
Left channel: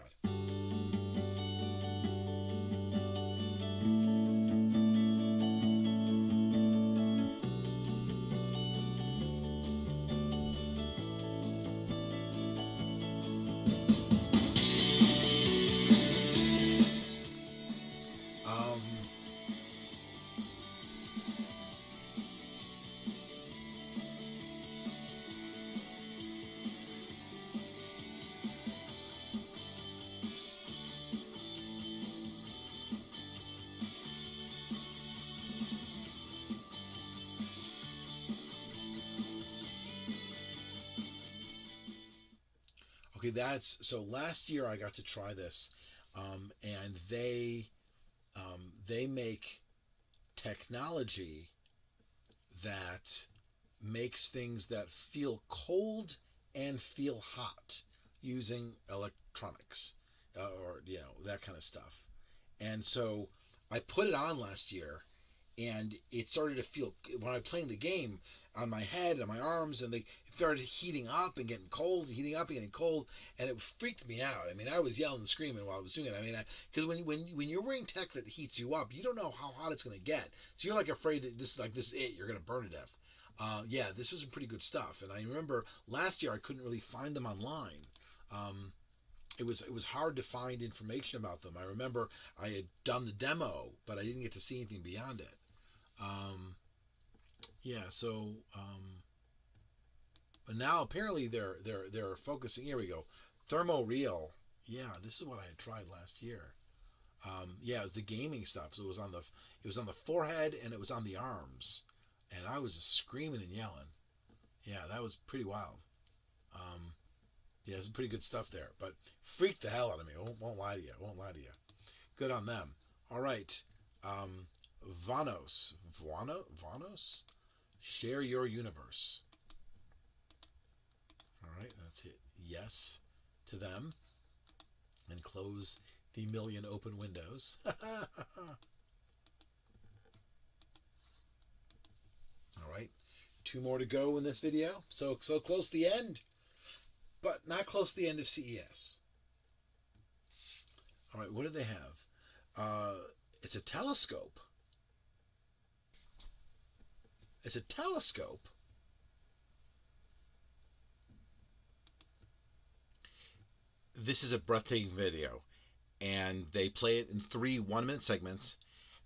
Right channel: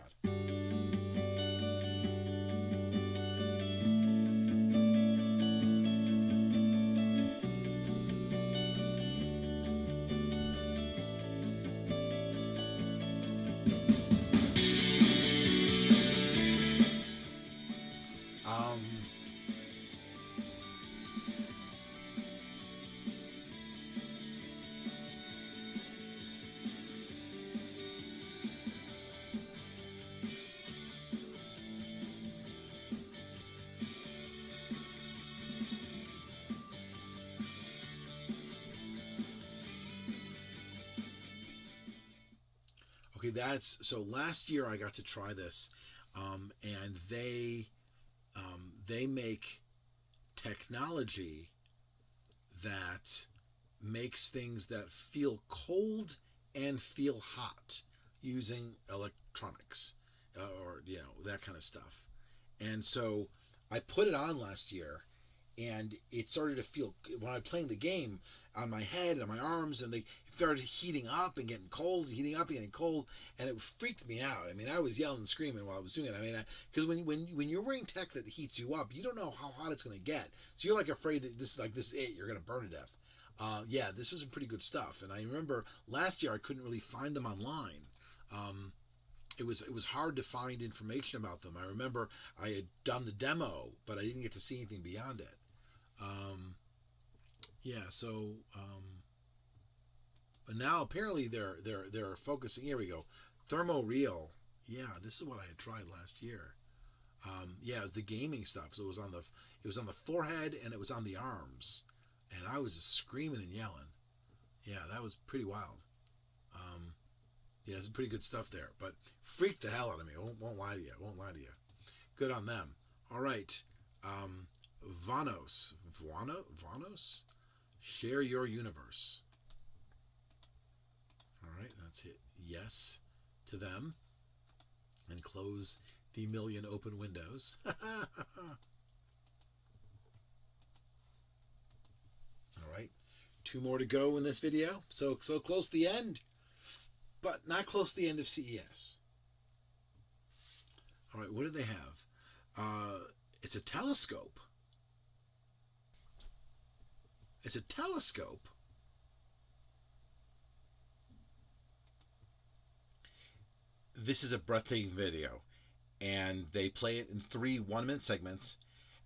Okay, so last year I got to try this, and they make technology that makes things that feel cold and feel hot using electronics, or that kind of stuff. And so I put it on last year, and it started to feel, when I was playing the game, on my head and my arms, and they started heating up and getting cold, heating up and getting cold, and it freaked me out. I mean, I was yelling and screaming while I was doing it. I mean, because when you're wearing tech that heats you up, you don't know how hot it's going to get. So you're like afraid that this is it. You're going to burn to death. Yeah, this was some pretty good stuff. And I remember last year I couldn't really find them online. It was hard to find information about them. I remember I had done the demo, but I didn't get to see anything beyond it. But now apparently they're focusing. Here we go, Thermoreal. Yeah, this is what I had tried last year. It was the gaming stuff. So it was on the forehead and it was on the arms, and I was just screaming and yelling. Yeah, that was pretty wild. Some pretty good stuff there, but freaked the hell out of me. I won't lie to you. Good on them. All right. Vaonis. Share your universe. All right, that's it. Yes to them. And close the million open windows. All right. 2 more to go in this video. So close to the end, but not close to the end of CES. All right, what do they have? It's a telescope. It's a telescope. This is a breathtaking video, and they play it in 3 1-minute segments,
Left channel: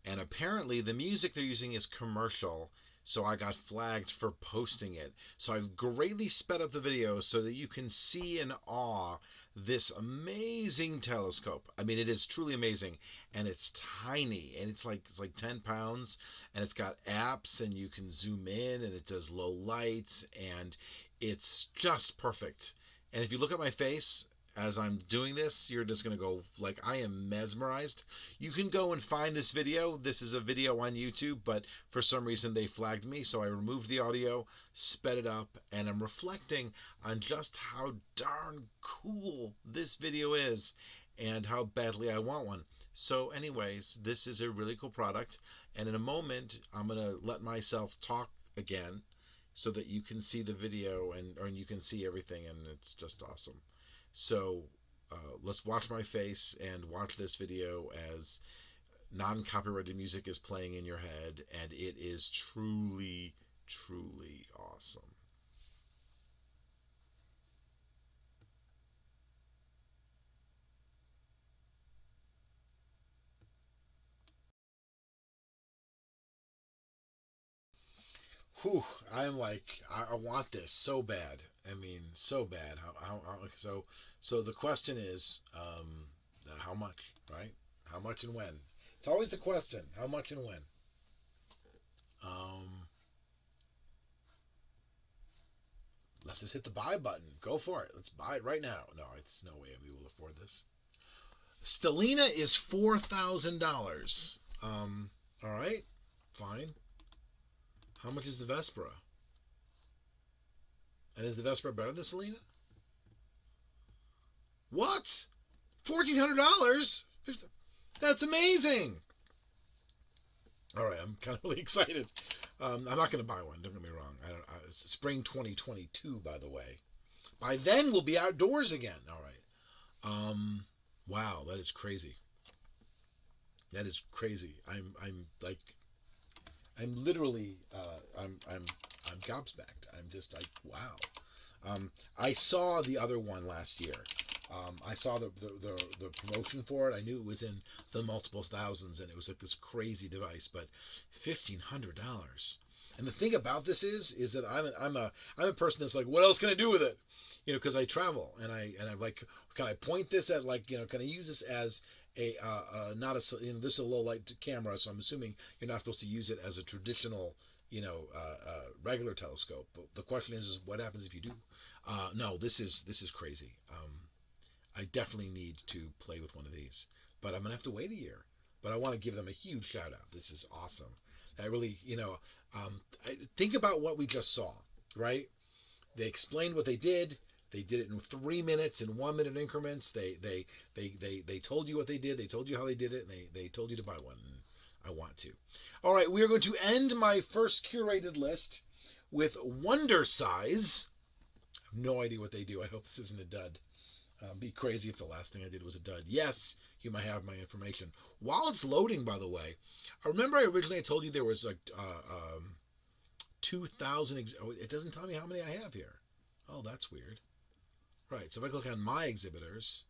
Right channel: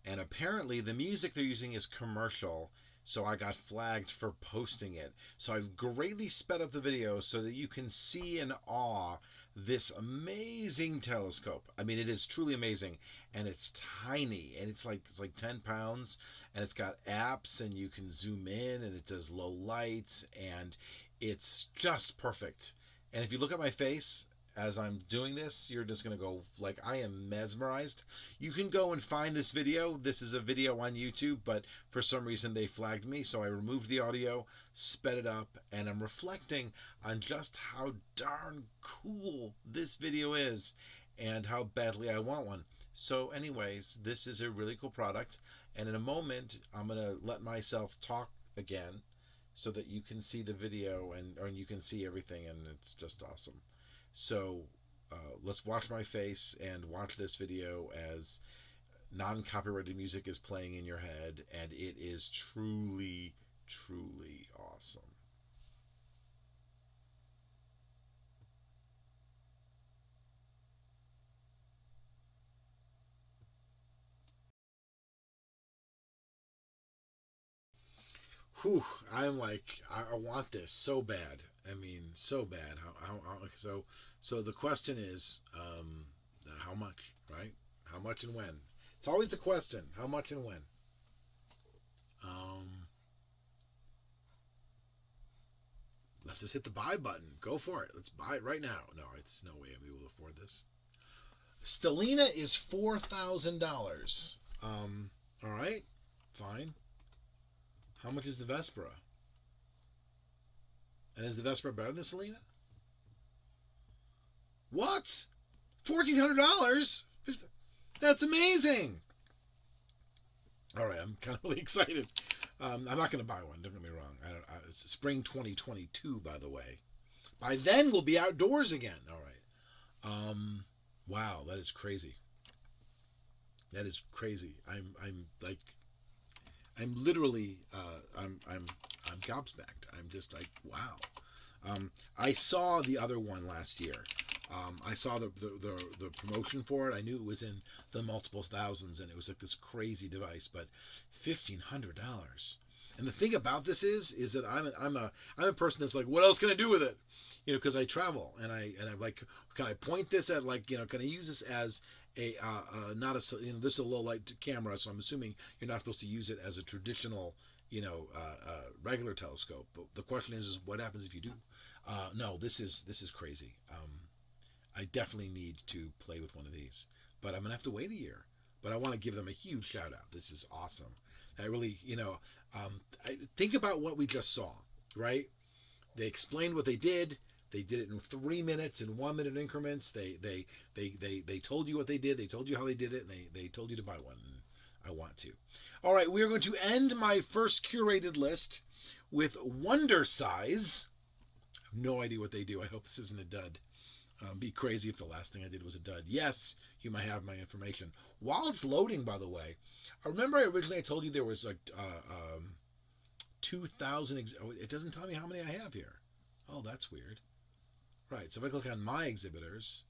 and apparently the music they're using is commercial, so I got flagged for posting it. So I've greatly sped up the video so that you can see in awe this amazing telescope. I mean, it is truly amazing, and it's tiny, and it's like 10 pounds, and it's got apps, and you can zoom in, and it does low lights, and it's just perfect. And if you look at my face as I'm doing this, you're just going to go, like, I am mesmerized. You can go and find this video. This is a video on YouTube, but for some reason they flagged me, so I removed the audio, sped it up, and I'm reflecting on just how darn cool this video is and how badly I want one. So anyways, this is a really cool product, and in a moment I'm going to let myself talk again so that you can see the video and you can see everything, and it's just awesome. So let's watch my face and watch this video as non-copyrighted music is playing in your head, and it is truly, truly awesome. Whew, I'm like, I want this so bad. I mean, so bad. So the question is, how much, right? How much and when? It's always the question, how much and when? Let's just hit the buy button. Go for it. Let's buy it right now. No, it's no way we will afford this. Stellina is $4,000. All right, fine. How much is the Vespera? And is the Vespera better than Stellina? What? $1,400? That's amazing. All right, I'm kind of really excited. I'm not going to buy one. Don't get me wrong. It's spring 2022, by the way. By then, we'll be outdoors again. All right. Wow, that is crazy. That is crazy. I'm literally, I'm gobsmacked. I'm just like, wow. I saw the other one last year. I saw the promotion for it. I knew it was in the multiple thousands, and it was like this crazy device, but $1,500. And the thing about this is that I'm a person that's like, what else can I do with it? You know, because I travel, and I'm like, can I point this at, like, you know, can I use this as a not a, you know, this is a low light camera, so I'm assuming you're not supposed to use it as a traditional, you know, regular telescope. But the question is what happens if you do? No, this is crazy. I definitely need to play with one of these, but I'm gonna have to wait a year. But I want to give them a huge shout out. This is awesome. That really, think about what we just saw, right? They explained what they did. They did it in 3 minutes, in 1 minute increments. They told you what they did. They told you how they did it, and they told you to buy one. And I want to. All right, we are going to end my first curated list with Wondercise. I have no idea what they do. I hope this isn't a dud. Be crazy if the last thing I did was a dud. Yes, you might have my information. While it's loading, by the way, I remember originally I told you there was like 2,000. It doesn't tell me how many I have here. Oh, that's weird. Right, so if I click on my exhibitors,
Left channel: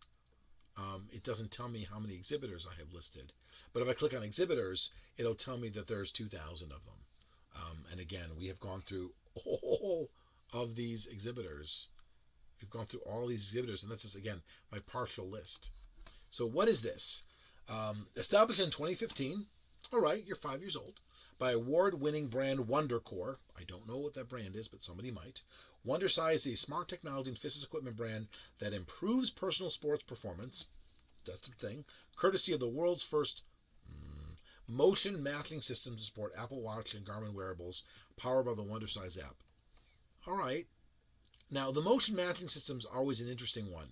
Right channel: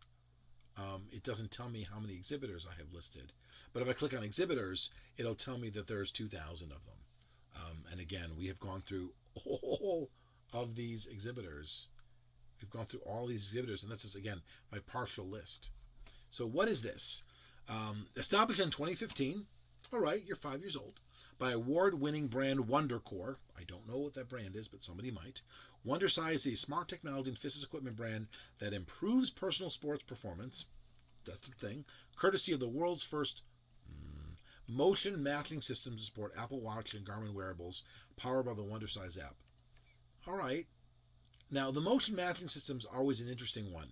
it doesn't tell me how many exhibitors I have listed. But if I click on exhibitors, it'll tell me that there's 2,000 of them. And again, we have gone through all of these exhibitors. We've gone through all these exhibitors, and this is, again, my partial list. So what is this? Established in 2015. All right, you're 5 years old. By award-winning brand Wondercore. I don't know what that brand is, but somebody might. Wondercise is a smart technology and fitness equipment brand that improves personal sports performance. That's the thing. Courtesy of the world's first motion matching system to support Apple Watch and Garmin wearables, powered by the Wondercise app. All right. Now, the motion matching system is always an interesting one,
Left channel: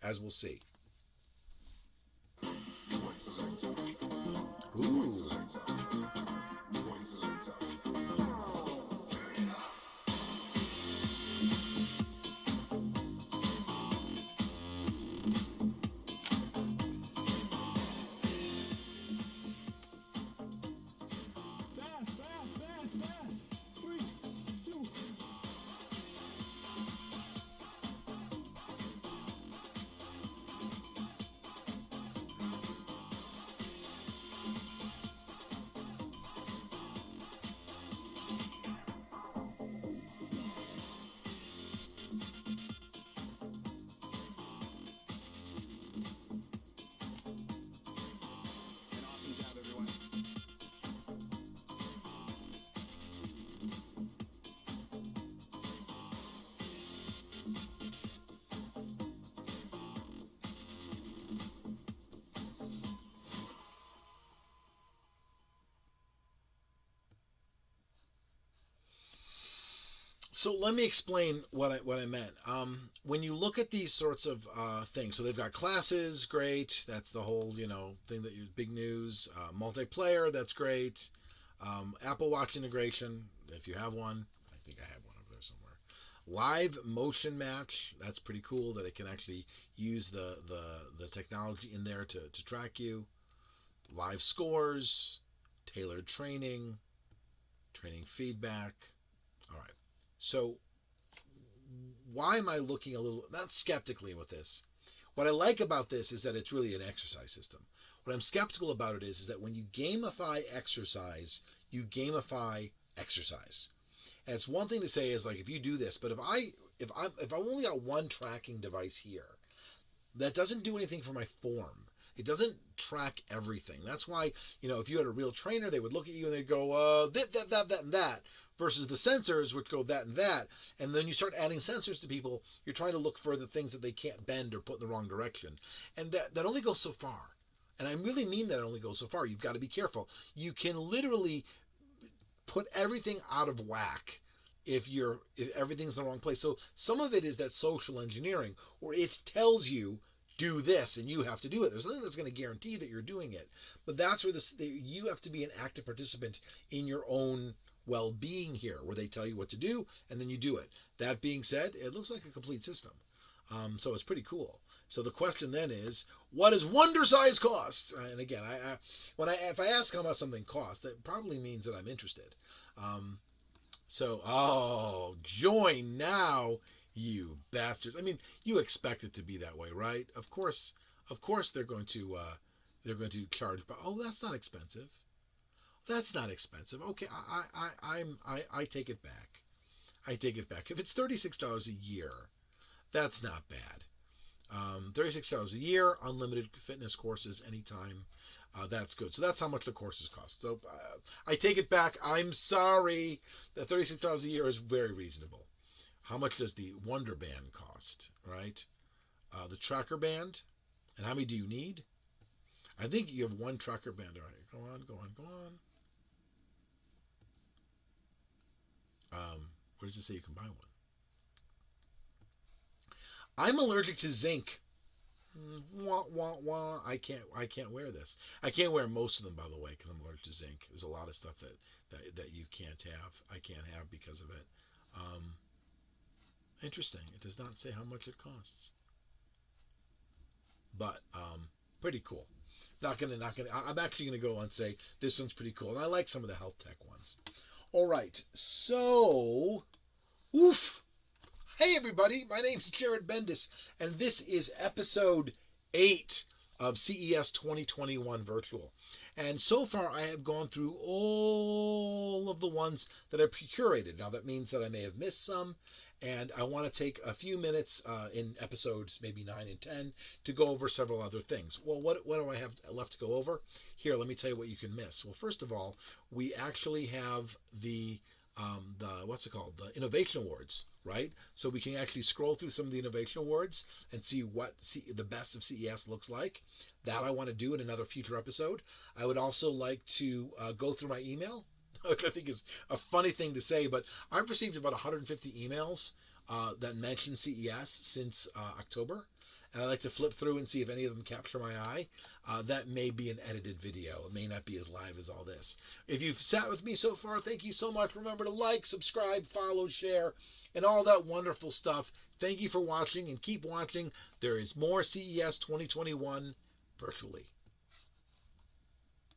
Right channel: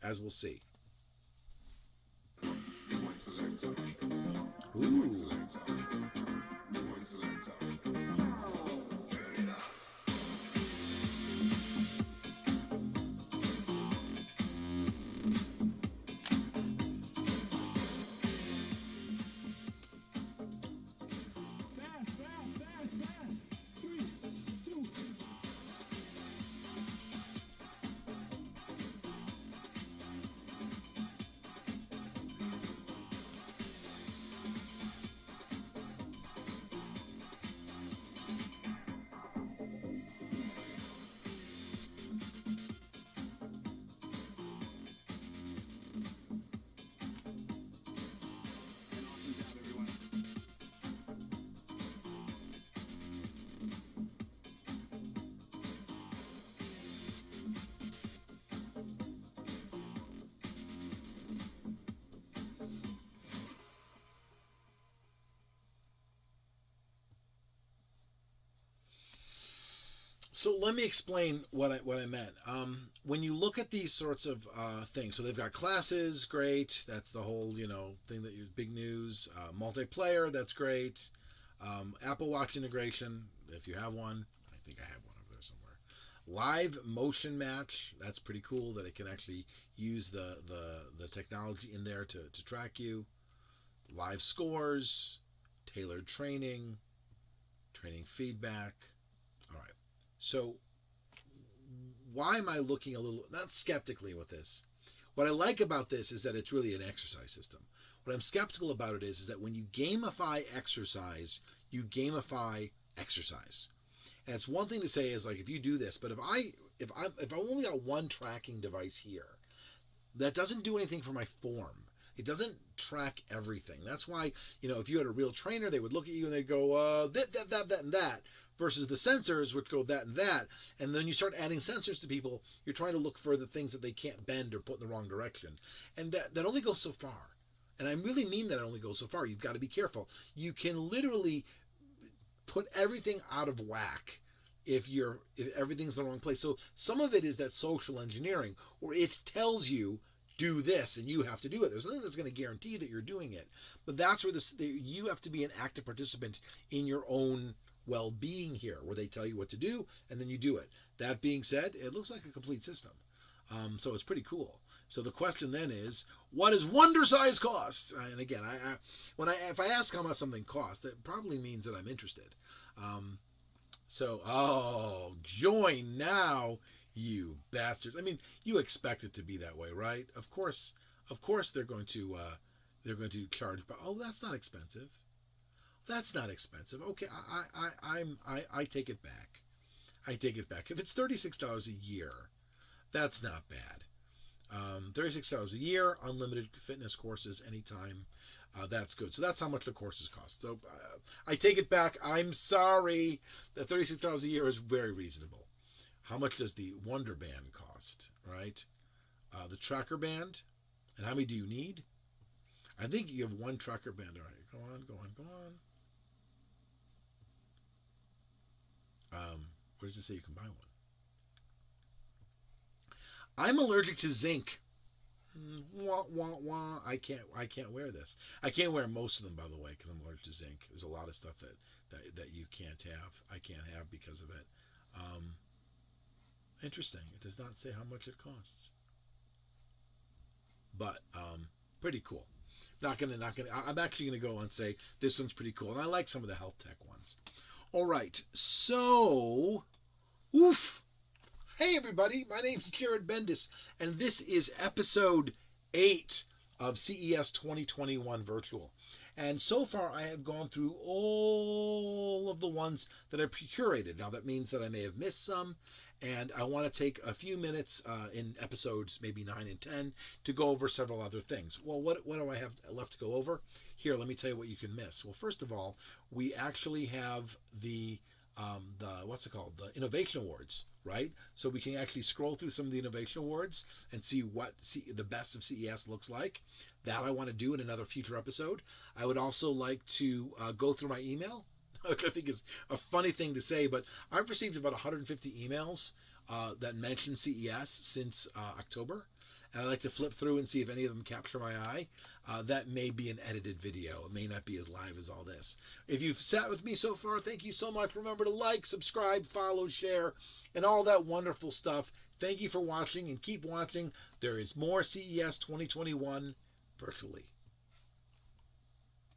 as we'll see. Ooh. Fast. 3, 2. So let me explain what I meant. When you look at these sorts of things, so they've got classes, great. That's the whole thing that you big news. Multiplayer, that's great. Apple Watch integration, if you have one, I think I have one over there somewhere. Live motion match, that's pretty cool that it can actually use the technology in there to track you. Live scores, tailored training feedback. All right. So why am I looking a little, not skeptically with this? What I like about this is that it's really an exercise system. What I'm skeptical about it is that when you gamify exercise, you gamify exercise. And it's one thing to say is like, if you do this, but if I've only got one tracking device here, that doesn't do anything for my form. It doesn't track everything. That's why, if you had a real trainer, they would look at you and they'd go, that, and that. Versus the sensors, which go that and that. And then you start adding sensors to people, you're trying to look for the things that they can't bend or put in the wrong direction. And that only goes so far. And I really mean that it only goes so far. You've got to be careful. You can literally put everything out of whack if everything's in the wrong place. So some of it is that social engineering, where it tells you, do this, and you have to do it. There's nothing that's going to guarantee that you're doing it. But that's where you have to be an active participant in your own well-being here, where they tell you what to do and then you do it. That being said, it looks like a complete system. So it's pretty cool. So the question then is, what does Wondercise cost? And again, if I ask how much something costs, that probably means that I'm interested. Join now, you bastards. I mean, you expect it to be that way, right? Of course they're going to charge, but that's not expensive. That's not expensive. Okay, I take it back. If it's $36 a year, that's not bad. $36 a year, unlimited fitness courses anytime. That's good. So that's how much the courses cost. So I take it back. I'm sorry. The $36 a year is very reasonable. How much does the Wonder Band cost, right? The tracker band. And how many do you need? I think you have one tracker band. All right, go on. Where does it say you can buy one? I'm allergic to zinc. Wah, wah, wah. I can't wear this. I can't wear most of them, by the way, because I'm allergic to zinc. There's a lot of stuff that you can't have. I can't have because of it. Interesting. It does not say how much it costs. But pretty cool. I'm actually gonna go and say this one's pretty cool, and I like some of the health tech ones. All right, so, oof. Hey everybody, my name's Jared Bendis, and this is episode 8 of CES 2021 Virtual. And so far I have gone through all of the ones that are curated. Now that means that I may have missed some, and I want to take a few minutes in episodes, maybe 9 and 10, to go over several other things. Well, what do I have left to go over? Here, let me tell you what you can miss. Well, first of all, we actually have the what's it called? The Innovation Awards, right? So we can actually scroll through some of the Innovation Awards and see what the best of CES looks like. That I want to do in another future episode. I would also like to go through my email, which I think is a funny thing to say, but I've received about 150 emails that mention CES since October. And I'd like to flip through and see if any of them capture my eye. That may be an edited video. It may not be as live as all this. If you've sat with me so far, thank you so much. Remember to like, subscribe, follow, share, and all that wonderful stuff. Thank you for watching, and keep watching. There is more CES 2021 virtually.